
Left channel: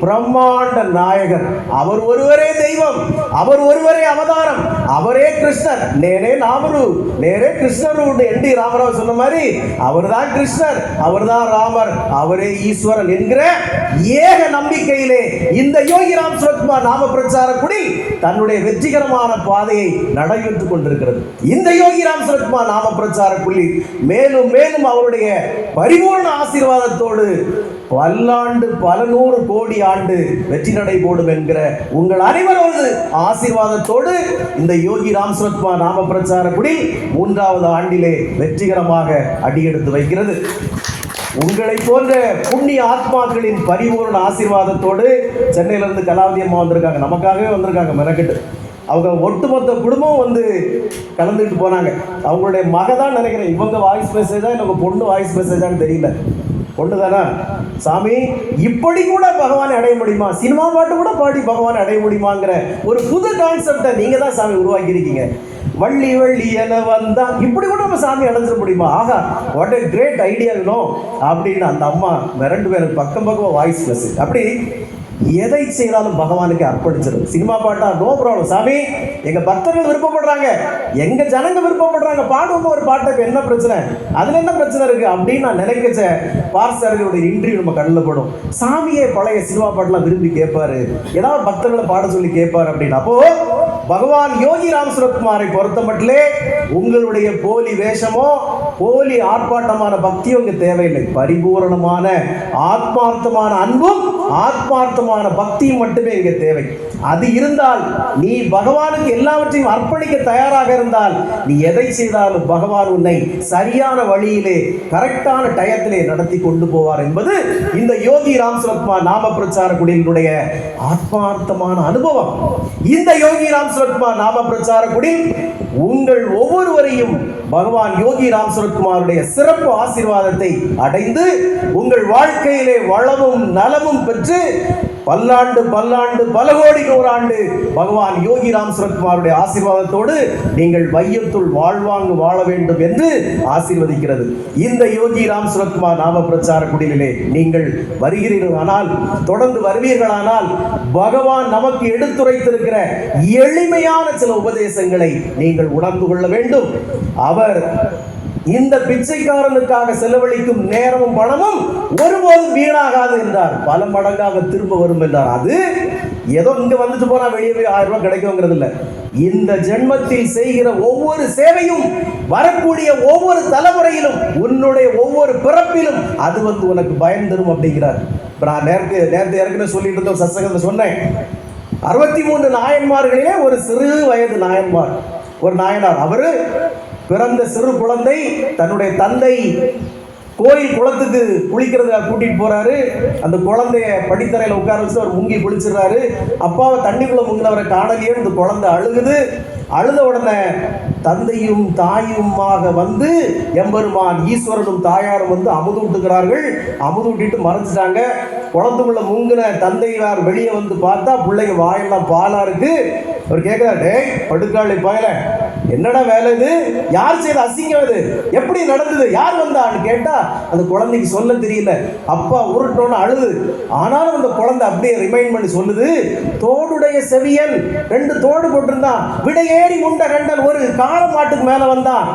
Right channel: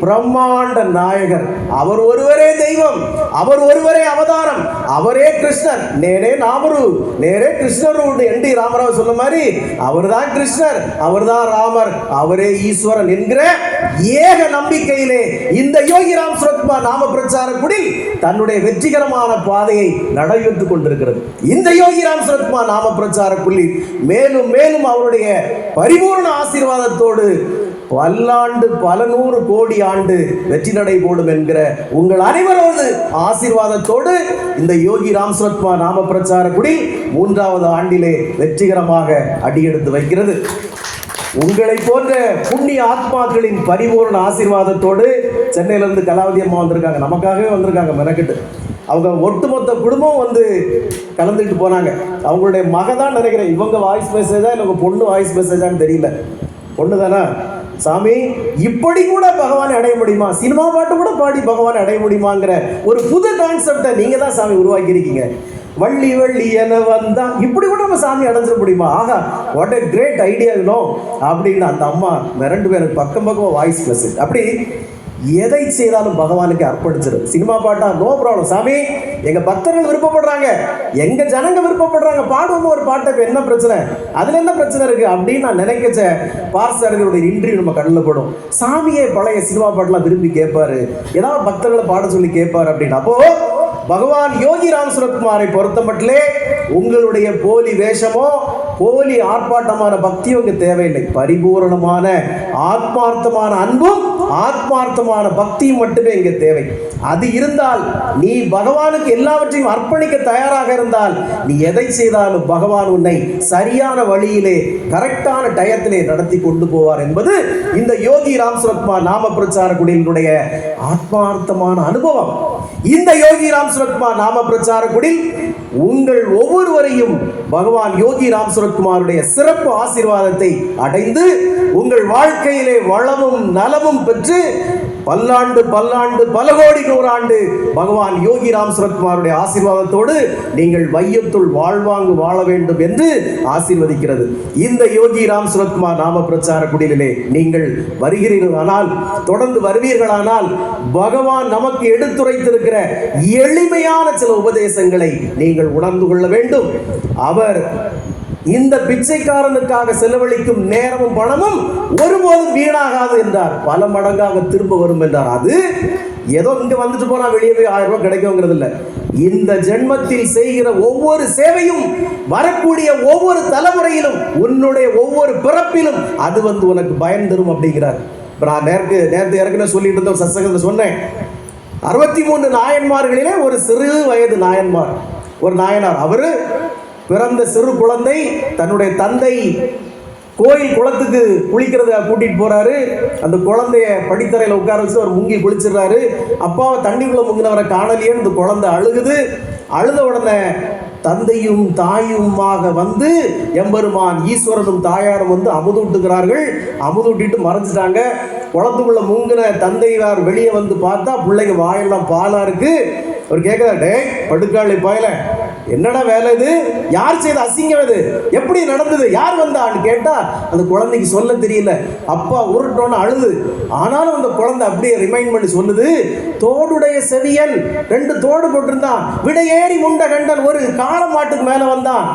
பிரம்மாண்ட நாயகர். அவர் ஒருவரே தெய்வம், அவர் ஒருவரே அவதாரம், அவரே கிருஷ்ணர். நேரே நாமரு நேரே கிருஷ்ணர். என்டி ராமராவ் சொன்ன மாதிரி அவர் தான் கிருஷ்ணர், அவர் தான் ராமர், அவரே ஈஸ்வரன் என்கிற ஏக நம்பிக்கையிலே இந்த யோகி ராம் சுரத்குமார் நாம பிரச்சார குடி தன்னுடைய வெற்றிகரமான பாதையை நடைபெற்றுக் கொண்டிருக்கிறது. இந்த யோகி ராம் சுரத்குமார் நாம பிரச்சார குடி மேலும் மேலும் அவருடைய பரிபூர்ண ஆசீர்வாதத்தோடு பல்லாண்டு, பல 100 கோடி ஆண்டு வெற்றி நடை போடும் என்கிற உங்கள் அனைவரோடு ஆசீர்வாதத்தோடு இந்த யோகி ராம் சுரத்குமார் நாம பிரச்சார குடி 3வது ஆண்டிலே வெற்றிகரமாக அடியெடுத்து வைக்கிறது. உங்களை போன்ற புண்ணிய ஆத்மாக்களின் பரிபூர்ண ஆசீர்வாதத்தோடு சென்னையிலிருந்து கலாவதி அம்மா வந்திருக்காங்க, நமக்காகவே வந்திருக்காங்க மெனக்கெட்டு. அவங்க ஒட்டுமொத்த குடும்பம் வந்து கலந்துட்டு போனாங்க. அவங்களுடைய மகதான் நினைக்கிறேன், இவங்க வாய்ஸ் மெசேஜா இல்லை உங்க பொண்ணு வாய்ஸ் மெசேஜான்னு தெரியல, பொண்ணு தானே. சாமி இப்படி கூட பகவானை அடைய முடியுமா, சினிமா பாட்டு கூட பாடி பகவானை அடைய முடியுமாங்கிற ஒரு புது கான்செப்டை நீங்க தான் சாமி உருவாக்கி இருக்கீங்க. வள்ளி வள்ளி என வந்தா இப்படி கூட நம்ம சாமி அடைஞ்சிட முடியுமா, ஆகா வாட் எ கிரேட் ஐடியா அப்படின்னு அந்த அம்மா மிரண்டு பேருக்கு பக்கம் பக்கம் வாய்ஸ் மெசேஜ். அப்படி எதை செய்தாலும் பகவானுக்கு அர்ப்பணிச்சிடும். சினிமா பாட்டா நோ ப்ராப்ளம் சாமி, எங்க பக்தர்கள் விருப்பப்படுறாங்க, எங்க ஜனங்க விருப்பப்படுறாங்க, பாடுவோம் ஒரு பாட்டை, என்ன பிரச்சனை, அதுல என்ன பிரச்சனை இருக்கு அப்படின்னு நான் நினைக்கச்ச பாஸ்டர்களுடைய இன்டர்வியூ நம்ம கண்ணில் போடும். சாமியே பழைய சினிமா பாட்டெல்லாம் விரும்பி கேட்பாரு, ஏதாவது பக்தர்களை பாட சொல்லி கேட்பாரு அப்படின்னு. அப்போ பகவான் யோகி ராம் சுரத்குமாரை பொறுத்த மட்டிலே உங்களுடைய போலி வேஷமோ போலி ஆர்ப்பாட்டமான பக்தியும் இங்கு தேவையில்லை. பரிபூரணமான ஆத்மார்த்தமான அன்பும் ஆத்மார்த்தமான பக்தியும் மட்டுமே இங்கே தேவை. அது இருந்தால், நீ பகவானுக்கு எல்லாவற்றையும் அர்ப்பணிக்க தயாராக இருந்தால், நீ எதை செய்தாலும் பகவான் உன்னை சரியான வழியிலே கரெக்டான டயத்திலே நடத்தி கொண்டு போவார் என்பது இந்த யோகி ராம் சுரத்குமார் நாம பிரச்சார குடியினுடைய ஆத்மார்த்தமான அனுபவம். இந்த யோகி ராம் சுரத்குமார் நாம பிரச்சார குடி உங்கள் ஒவ்வொருவரையும் பகவான் யோகி ராம் சுரத்குமாருடைய சிறப்பு ஆசீர்வாதத்தை அடைந்து உங்கள் வாழ்க்கையிலே வளமும் நலமும் பெற்று பல்லாண்டு பல்லாண்டு பல கோடி நூறாண்டு பகவான் யோகி ராம் சுரத்குமாருடைய ஆசீர்வாதத்தோடு நீங்கள் வையத்துள் வாழ்வாங்கு வாழ வேண்டும் என்று ஆசீர்வதிக்கிறது. இந்த யோகி ராம் சுரத்குமார் நாம பிரச்சார குடிலே நீங்கள் வருகிறீர்களானால், தொடர்ந்து வருவீர்களானால், பகவான் நமக்கு எடுத்துரைத்திருக்கிற எளிமையான சில உபதேசங்களை நீங்கள் உணர்ந்து கொள்ள வேண்டும். அவர் இந்த பிச்சைக்காரனுக்காக செலவழிக்கும் நேரமும் பணமும் ஒருபோதும் வீணாகாது என்றார். பல மடங்காக திரும்ப வரும் என்றார். அது ஏதோ இங்க வந்துட்டு போனா வெளியே போய் 1000 ரூபாய் கிடைக்குங்கிறது இல்ல. இந்த ஜென்மத்தில் செய்கிற ஒவ்வொரு சேவையும் வரக்கூடிய ஒவ்வொரு தலைமுறையிலும் உன்னுடைய ஒவ்வொரு பிறப்பிலும் அது உனக்கு பயன் தரும் அப்படிங்கிறார். நான் நேரத்து ஏற்கனவே சொல்லிட்டு இருந்த சத்சங்கத்தில் சொன்னேன். 63 நாயன்மார்களிலே ஒரு சிறு வயது நாயன்மார், ஒரு நாயனார். அவரு பிறந்த சிறு குழந்தை தன்னுடைய தந்தை கோயில் குளத்துக்கு குளிக்கிறத கூட்டிட்டு போறாரு. அந்த குழந்தைய படித்தரையில் உட்கார வச்சு அவர் முங்கி குளிச்சிடுறாரு. அப்பாவை தண்ணிக்குள்ள முங்கினவரை காணலையே. இந்த குழந்தை அழுகுது. அழுத உடனே தந்தையும் தாயுமாக வந்து எம்பெருமான் ஈஸ்வரனும் தாயாரும் அமுது விட்டுக்கிறார்கள். அமுது விட்டுட்டு மறைஞ்சிட்டாங்க. குளத்துக்குள்ள முங்கின தந்தையார் வெளியே வந்து பார்த்தா பிள்ளைங்க வாயெல்லாம் பாலா இருக்கு. அவர் கேட்கிறாரு, படுக்காளி பயல, என்னடா வேலை இது? யார் செய்த அசிங்கம் இது? எப்படி நடந்தது? யார் வந்தான்னு கேட்டா அந்த குழந்தைக்கு சொல்ல தெரியல. அப்பா உருட்டோன்னு அழுது. ஆனாலும் அந்த குழந்தை அப்படியே ரிமைண்ட் பண்ணி சொல்லுது, தோடுடைய செவியன் 2 தோடு போட்டிருந்தான், விடையேறி முண்ட கண்டன் ஒரு கால மாட்டுக்கு மேல வந்தான்.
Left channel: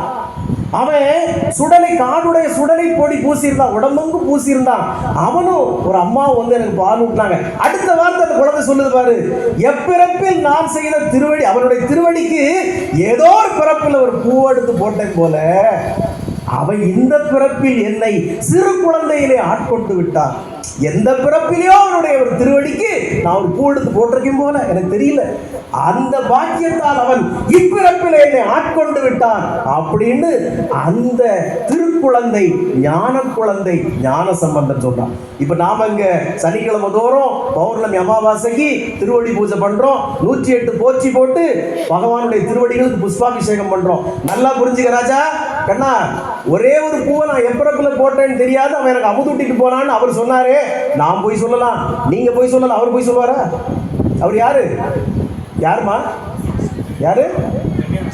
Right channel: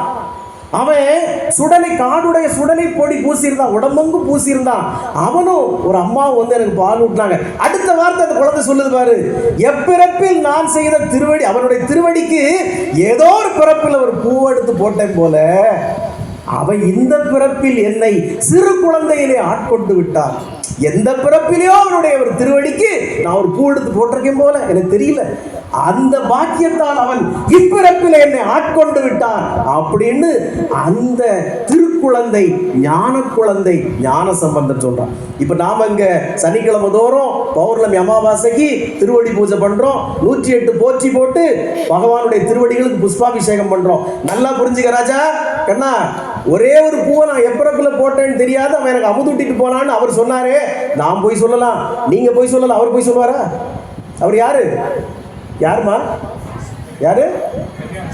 அவன் சுடலை, காடுடைய சுடலை போடி பூசியிருந்தான், உடம்புங்கு பூசியிருந்தான். அவனும் ஒரு அம்மாவும் எனக்கு பால் ஊட்டினாங்க. அடுத்த வார்த்தை அந்த குழந்தை சொல்லுது பாரு, எப்பிறப்பில் நான் செய்த திருவடி, அவனுடைய திருவடிக்கு ஏதோ ஒரு பிறப்பில் ஒரு பூ எடுத்து போட்டேன் போல அவன் இந்த பிறப்பில் என்னை சிறு குழந்தையிலே ஆட்கொண்டு விட்டான். எந்த பிறப்பிலையோ அவனுடைய ஒரு திருவடிக்கு நான் ஒரு பூ எடுத்து போட்டிருக்கேன் போல, எனக்கு தெரியல. அந்த பாக்கியத்தால் அவன் இப்பிறப்பில் என்னை ஆட்கொண்டு விட்டான் அப்படின்னு அந்த திருக்குழந்தை, ஞான குழந்தை ஞான சம்பந்தம் சொல்றான். இப்ப நாம இங்க சனிக்கிழமை தோறும் பௌர்ணமி அமாவாசைக்கு திருவடி பூஜை பண்றோம். 108 போற்றி போட்டு பகவானுடைய திருவடிகளுக்கு புஷ்பாபிஷேகம் பண்றோம். நல்லா புரிஞ்சுக்க ராஜா கண்ணா, ஒரே ஒரு பூவை நான் எப்பிறப்பில் போட்டேன்னு தெரியாது, அவன் எனக்கு அமுதுட்டிட்டு போனான்னு அவர் சொன்னாரே. நான் போய் சொல்லலாம், நீங்க போய் சொல்லலாம், அவர் போய் சொல்லுவாரா? அவர் யாரு? யாருமா? யாரு?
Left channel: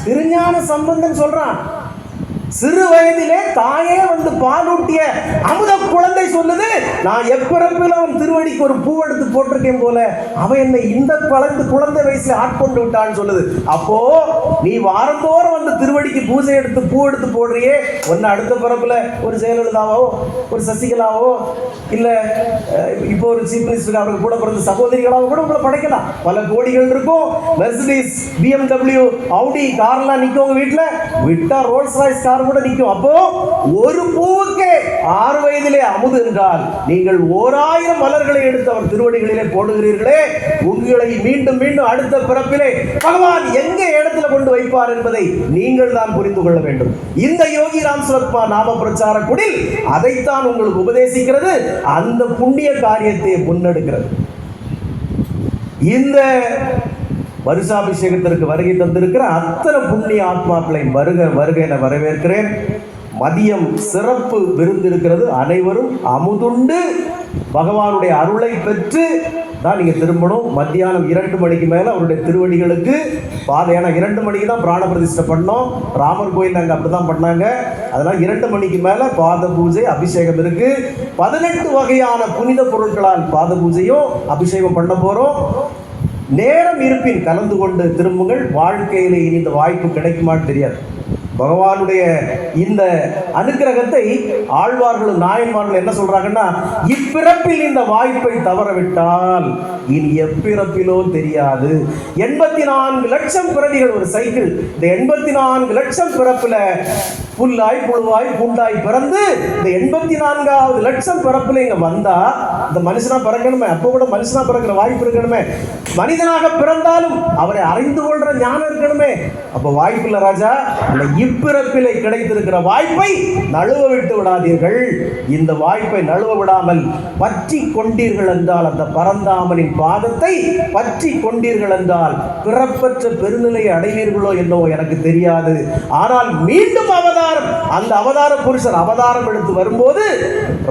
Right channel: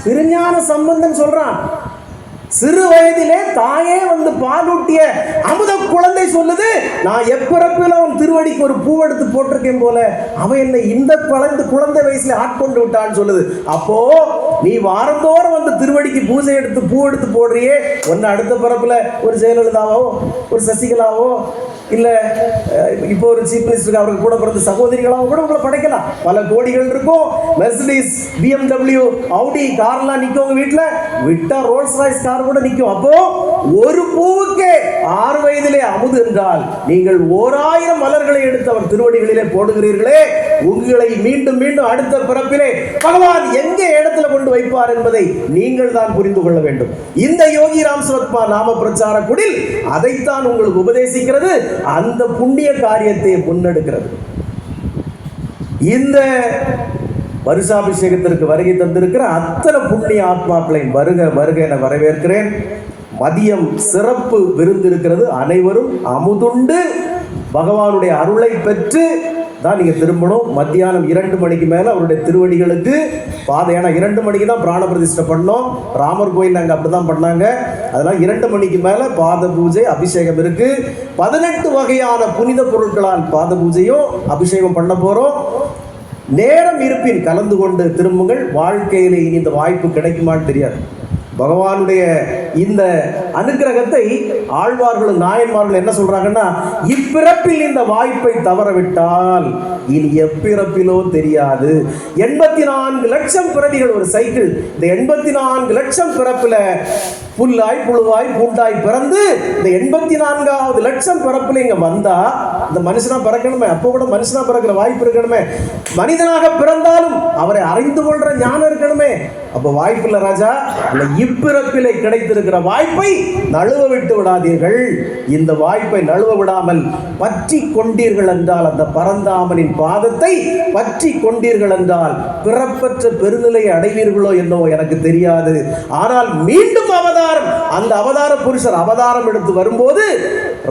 திருஞான சம்பந்தன் சொல்றான். சிறு வயதிலே தாயே பாலூட்டிய அமுத குழந்தை சொல்லுது, நான் எப்பிறப்பில் அவன் திருவடிக்கு ஒரு பூ எடுத்து போட்டிருக்கேன் போல அவன் என்னை இந்த குழந்தை வயசுல ஆட்கொண்டு விட்டான்னு சொல்லுது. அப்போ நீ வாரந்தோறும் திருவடிக்கு பூஜை எடுத்து பூ எடுத்து போடுறியே, ஒன்னு அடுத்த பிறப்புல ஒரு ஜெயலலிதாவோ ஒரு சசிகலாவோ இல்ல இப்போ ஒரு சீஃப் மினிஸ்டருக்கு அவருக்கு கூட பிறந்த சகோதரிகளாவோ கூட உங்களை படைக்கலாம். பல கோடிகள் இருக்கும். மெர்சிடிஸ், BMW, ஆடி கார்லாம் நிற்கும் உங்க வீட்டுல. விட்டா ரோல்ஸ் ராய்ஸ் கார் கூட நிற்கும். அப்போ ஒரு பூவுக்கே 6 வயதிலே அமுது என்றால் நீங்கள் 1000 மலர்களை எடுத்து அவர் திருவடிகளிலே போடுகிறீர்களே, உங்களை மீண்டும் மீண்டும் அடுத்த பிறப்பிலே பகவான் எங்க இடத்துல கொண்டு வைப்பார் என்பதை நீங்கள் தான் புரிந்து கொள்ள வேண்டும். இந்த யோகி ராம் சுரத்குமார் நாம பிரச்சார குடில் அதைத்தான் உங்களுக்கு உபதேசிக்கிறது. அந்த புண்ணிய காரியத்தை முன்னெடுக்கிறது. இந்த வருஷாபிஷேகத்திற்கு வருகை தந்திருக்கிற அத்தனை புண்ணிய ஆத்மாக்களை வருக வருக என வரவேற்கிறேன். மதியம் சிறப்பு விருந்து இருக்கிறது. அனைவரும் அமுதுண்டு பகவானுடைய அருளை பெற்று தான் நீங்க திரும்பணும். மத்தியானம் 2 மணிக்கு மேல அவருடைய திருவடிகளுக்கு பாதை, ஏன்னா 2 மணிக்கு தான் பிராண பிரதிஷ்டை பண்ணோம். ராமர் கோயில் அங்கே அப்படிதான் பண்ணாங்க. அதனால 2 மணிக்கு மேல பாத பூஜை அபிஷேகம் இருக்கு. 18 வகையான புனித பொருட்களால் பாத பூஜையும் அபிஷேகம் பண்ண போறோம். நேரம் இருப்பின் கலந்து கொண்டு திரும்புங்கள். வாழ்க்கையிலே இனி இந்த வாய்ப்பு கிடைக்குமான்னு தெரியாது. பகவானுடைய இந்த அனுக்கிரகத்தை ஆழ்வார்களும் நாயன்மார்கள் என்ன சொல்றாங்கன்னா, இப்பிறப்பில் இந்த வாய்ப்பை தவறவிட்டால் இனி எப்பிறப்பிலோ தெரியாது. 84 லட்சம் பிறவிகள் ஒரு சைக்கிள். இந்த 84 லட்சம் பிறப்புல புல்லாய் புழுவாய் பூண்டாய் பிறந்து இந்த 84வது லட்சம் பிறப்புல இங்க வந்தா இந்த மனுஷனா பிறக்கணுமே. அப்போ கூட மனுஷனா பிறக்கிற வாய்ப்பு இருக்கணுமே. மனிதனாக பிறந்தாலும் அவரை அறிந்து கொள்ற ஞானம் இருக்கணுமே. அப்போ வாய்ப்பு இல்ல ராஜா. இந்த இப்பிறப்பிலே கிடைத்திருக்கிற வாய்ப்பை நழுவ விட்டு விடாதீர்கள். இந்த வாய்ப்பை நழுவ விடாமல் பற்றி கொண்டீர்கள் என்றால், அந்த பரந்தாமனின் பாதத்தை பற்றி கொண்டீர்கள் என்றால் பிறப்பற்ற பெருநிலையை அடைவீர்களோ என்னவோ எனக்கு தெரியாது. ஆனால் மீண்டும் அந்த அவதார புருஷர் அவதாரம் எடுத்து வரும்போது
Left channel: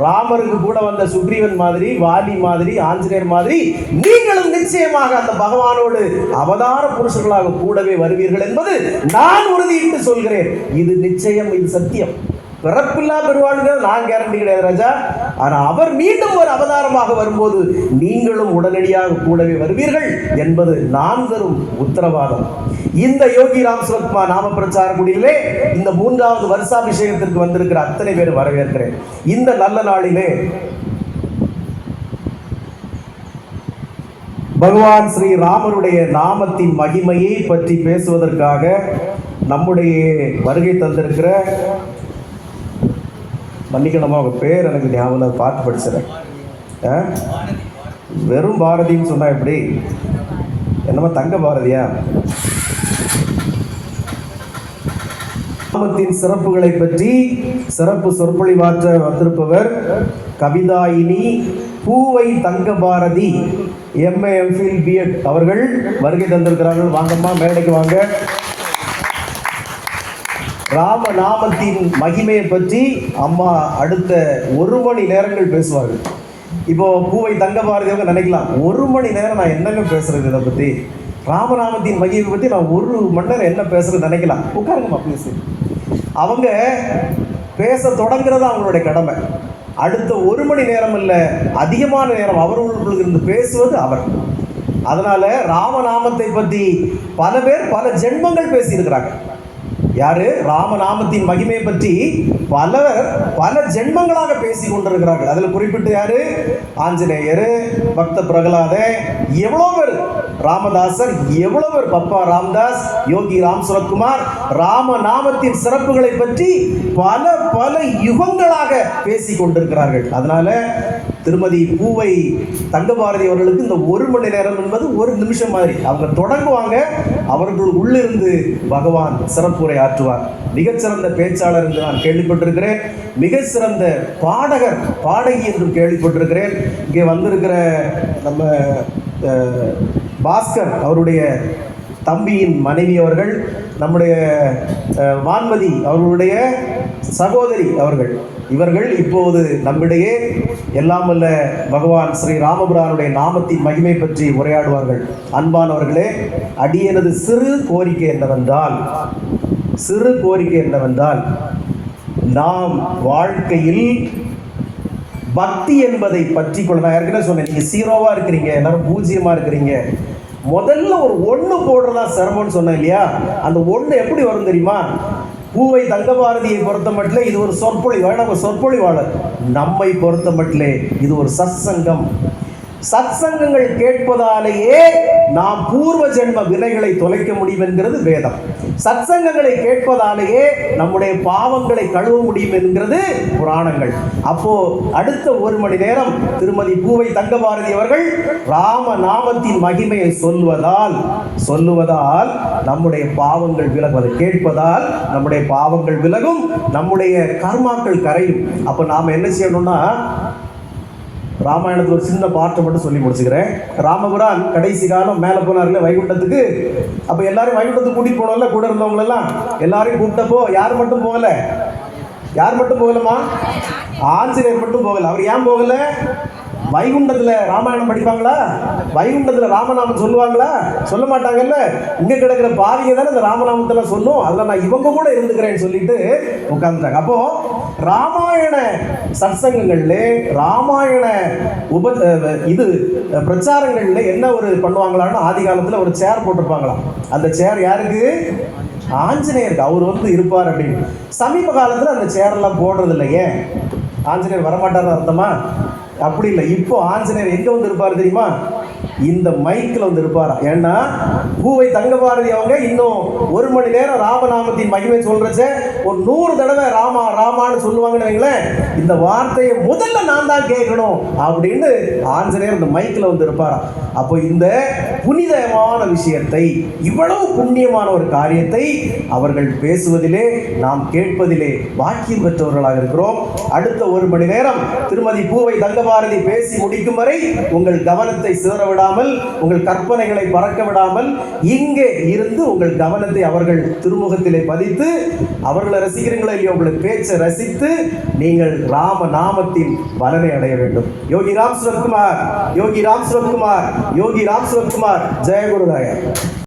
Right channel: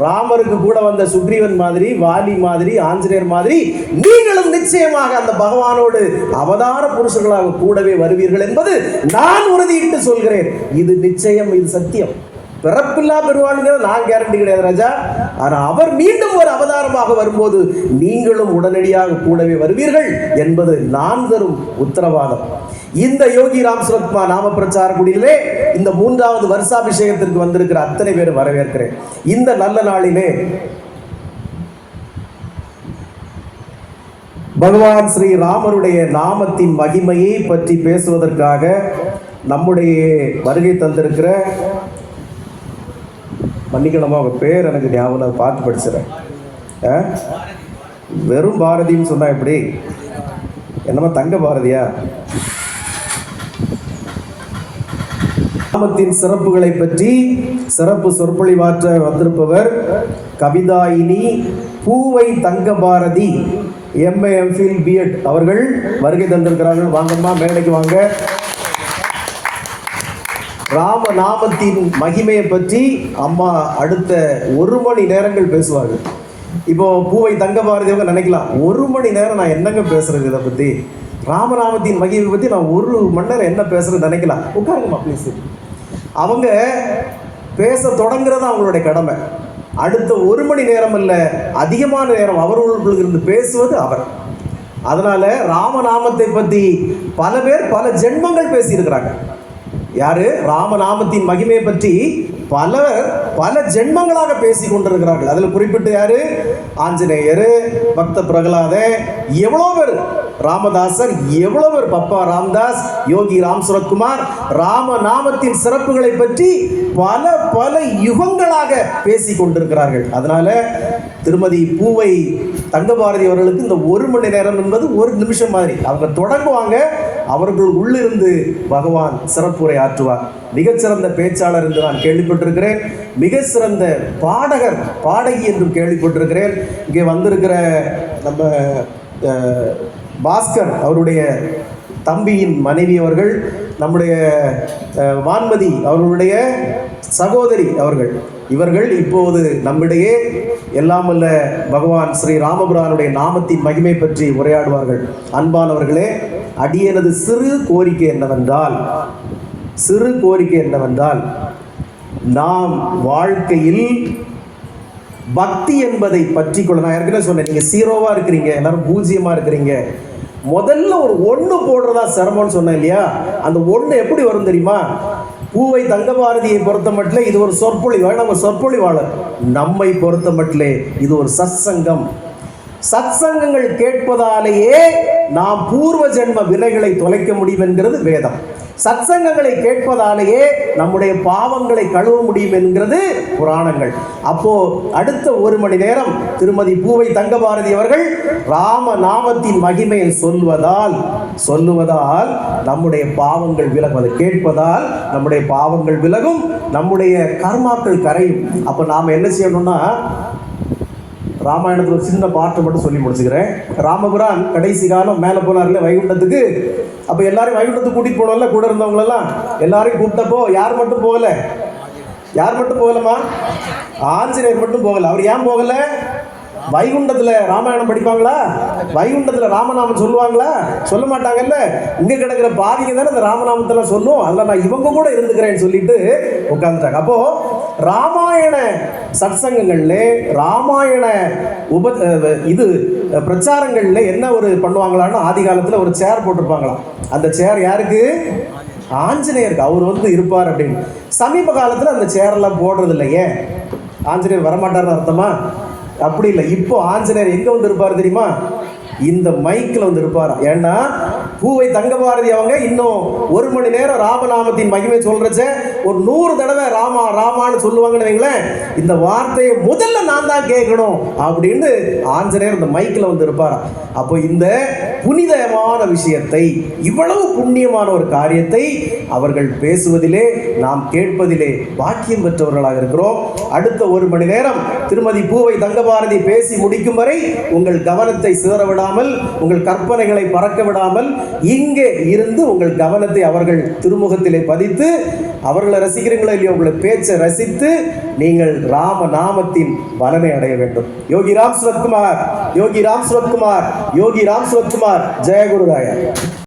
ராமருக்கு கூட வந்த சுக்ரீவன் மாதிரி, வாலி மாதிரி, ஆஞ்சநேயர் மாதிரி நீங்களும் நிச்சயமாக அந்த பகவானோடு அவதார புருஷர்களாக கூடவே வருவீர்கள் என்பது நான் உறுதியிட்டு சொல்கிறேன். இது நிச்சயம், இது சத்தியம். பிறப்பில்லா பெருவாழ்கள் நான் கேரண்டி கிடையாது ராஜா. ஆனால் அவர் மீண்டும் ஒரு அவதாரமாக வரும்போது நீங்களும் உடனடியாக கூடவே வருவீர்கள் என்பது நான் தரும் உத்தரவாதம். இந்த யோகி ராம் சுரத்குமார் நாம பிரச்சார குடியிலே இந்த 3வது வருஷாபிஷேகத்திற்கு வந்திருக்கிற அத்தனை பேர் வரவேற்கிறேன். இந்த நல்ல நாளிலே பகவான் ஸ்ரீ ராமருடைய நாமத்தின் மகிமையை பற்றி பேசுவதற்காக நம்முடைய வருகை தந்திருக்கிற, மன்னிக்கணுமா அவங்க பேர் எனக்கு ஞாபகம் பார்த்து படிச்சிடறேன். வெறும் பாரதின்னு சொன்னா எப்படி? என்னமா தங்க பாரதியா? நாமத்தின் சிறப்புகளை பற்றி சிறப்பு சொற்பொழிவாற்ற வந்திருப்பவர் கவிதாயினி பூவை தங்க பாரதி MA MPhil B.Ed அவர்கள் வருகை தந்திருக்கிறார்கள். வாங்கம்மா, மேடைக்கு வாங்க. ராம நாமத்தின் மகிமையை பற்றி அம்மா அடுத்த 1 மணி நேரங்கள் பேசுவார்கள். இப்போ பூவை தங்க பாரதியாக நினைக்கலாம், 1 மணி நேரம் நான் என்னங்க பேசுறது இதை பற்றி, ராமநாமத்தின் மகிமை பற்றி நான் 1 மணி நேரம் என்ன பேசுறது நினைக்கலாம். உட்காருங்கம்மா ப்ளீஸ். அவங்க பேச தொடங்குறது அவங்களுடைய கடமை. அடுத்த 1 மணி நேரம் இல்லை, அதிகமான நேரம் அவர்களுக்குள் இருந்து பேசுவது அவர். அதனால ராமநாமத்தை பற்றி பல பேர் பல ஜென்மங்கள் பேசியிருக்கிறாங்க. யாரு? ராமநாமத்தின் மகிமையை பற்றி பலர் பல ஜென்மங்களாக பேசி கொண்டிருக்கிறார்கள். அதில் குறிப்பிட்டு யாரு? ஆஞ்சநேயர், பக்த பிரகலாதன், எவ்வளோ பேர், ராமதாசர், எவ்வளவு பேர், பப்பா ராம்தாஸ், யோகி ராம் சுரத்குமார் ராமநாமத்தின் சிறப்புகளை பற்றி பல பல யுகங்களாக பேசி கொண்டிருக்கிறார்கள். அதனால திருமதி பூவை தங்கபாரதி அவர்களுக்கு இந்த 1 மணி நேரம் என்பது 1 நிமிஷம் மாதிரி. அவங்க தொடங்குவாங்க, அவர்கள் உள்ளிருந்து பகவான் சிறப்புரை ஆற்றுவார். மிகச்சிறந்த பேச்சாளர் என்று நான் கேள்விப்பட்டிருக்கிறேன். மிக சிறந்த பாடகர், பாடகி என்றும் கேள்விப்பட்டிருக்கிறேன். இங்கே வந்திருக்கிற நம்ம பாஸ்கர் அவருடைய தம்பியின் மனைவி அவர்கள், நம்முடைய வான்மதி அவர்களுடைய சகோதரி அவர்கள், இவர்கள் இப்போது நம்மிடையே எல்லாம் வல்ல பகவான் ஸ்ரீ ராமபுரானுடைய நாமத்தின் மகிமை பற்றி உரையாடுவார்கள். அன்பானவர்களே, அடியனது சிறு கோரிக்கை என்னவென்றால் நாம் வாழ்க்கையில் பக்தி என்பதை பற்றி கொள்ள, நான் ஏற்கனவே சொன்னேன், நீங்கள் 0வா இருக்கிறீங்க, எல்லாரும் 0மா இருக்கிறீங்க. முதல்ல ஒரு 1 போடுறதா சிரமம்னு சொன்னேன் இல்லையா? அந்த 1 எப்படி வரும் தெரியுமா? பூவை தங்கபாரதியை பொறுத்த மட்டும் இது ஒரு சொற்பொழிவாளர். நம்மை பொறுத்த மட்டும் இது ஒரு சத்சங்கம். சத்சங்கங்கள் கேட்பதாலேயே நாம் பூர்வ ஜென்ம வினைகளை தொலைக்க முடியும் என்கிறது வேதம். சத்சங்கங்களை கேட்பதாலேயே நம்முடைய பாவங்களை கழுவ முடியும் என்கிறது புராணங்கள். அப்போ அடுத்த 1 மணி நேரம் திருமதி பூவை தங்கபாரதி அவர்கள் ராம நாமத்தின் மகிமையை சொல்லுவதால் நம்முடைய பாவங்கள் விலகும். அதை கேட்பதால் நம்முடைய பாவங்கள் விலகும், நம்முடைய கர்மாக்கள் கரையும். அப்போ நாம் என்ன செய்யணும்னா, ராமாயணத்தில் ஒரு சின்ன பாட்டை மட்டும் சொல்லி முடிச்சுக்கிறேன். ராமபுரான் கடைசி காலம் மேலே போனார்ல வைகுண்டத்துக்கு. அப்போ எல்லாரையும் வைகுண்டத்துக்கு கூட்டிகிட்டு போனோம்ல, கூட இருந்தவங்களெல்லாம் எல்லாரையும் கூப்பிட்டப்போ யார் மட்டும் போகலமா? ஆஞ்சநேயர் மட்டும் போகல. அவர் ஏன் போகல? வைகுண்டத்தில் ராமாயணம் படிப்பாங்களா? வைகுண்டத்தில் ராமநாமம் சொல்லுவாங்களா? சொல்ல மாட்டாங்கல்ல. இங்கே கிடக்கிற பாவிங்க தானே இந்த ராமநாமத்தெல்லாம் சொல்லும். அதில் நான் இவங்க கூட இருந்துக்கிறேன்னு சொல்லிட்டு உட்காந்துட்டாங்க. அப்போ ராமாயண சத்சங்கங்கள்ல, ராமாயண பிரச்சாரங்கள்ல என்ன ஒரு பண்ணுவாங்களான்னு ஆதி காலத்தில் ஒரு சேர் போட்டிருப்பாங்களாம். அந்த சேர் யாருக்கு? ஆஞ்சநேயருக்கு அவர் வந்து இருப்பார் அப்படின்னு. சமீப காலத்தில் அந்த சேரெல்லாம் போடுறது இல்லை. ஏன்? ஆஞ்சநேயர் வரமாட்டார்னு அர்த்தமா? அப்படி இல்லை. இப்போ ஆஞ்சநேயர் எங்க வந்து இருப்பார் தெரியுமா? இந்த மைக்கில் வந்து இருப்பார். ஏன்னா பூவை தங்கபாரதி அவங்க இன்னும் 1 மணி நேரம் ராமநாமத்தின் மகிமை சொல்றச்ச ஒரு 100 தடவை ராமா ராமான்னு சொல்லுவாங்கன்னு வைங்களேன். இந்த வார்த்தையை முதல்ல நான் தான் கேட்கணும் அப்படின்னு ஆஞ்சநேயர் இந்த மைக்கில் வந்து இருப்பார். அப்போ இந்த புனிதமான விஷயத்தை, இவ்வளவு புண்ணியமான ஒரு காரியத்தை அவர்கள் பேசுவதிலே, நாம் கேட்பதிலே பாக்கியம் பெற்றவர்களாக இருக்கிறோம். அடுத்த 1 மணி நேரம் திருமதி பூவை தங்கபாரதி பேசி முடிக்கும் வரை உங்கள் கவனத்தை சிதற விடாமல், உங்கள் கற்பனைகளை பறக்க விடாமல் இங்கே இருந்து உங்கள் கவனத்தை அவர்கள் திருமுகத்திலே பதித்து, அவர்களை ரசிக்கிறீங்களா இல்லையோ, உங்களை பேச்சை ரசித்து நீங்கள் ராம நாமத்தின் பலனை அடைய வேண்டும். யோகி ராம் சுரத்குமார், யோகி ராம் சுரத்குமார், யோகி ராம் சுரத்குமார். ஜெய குருராயா.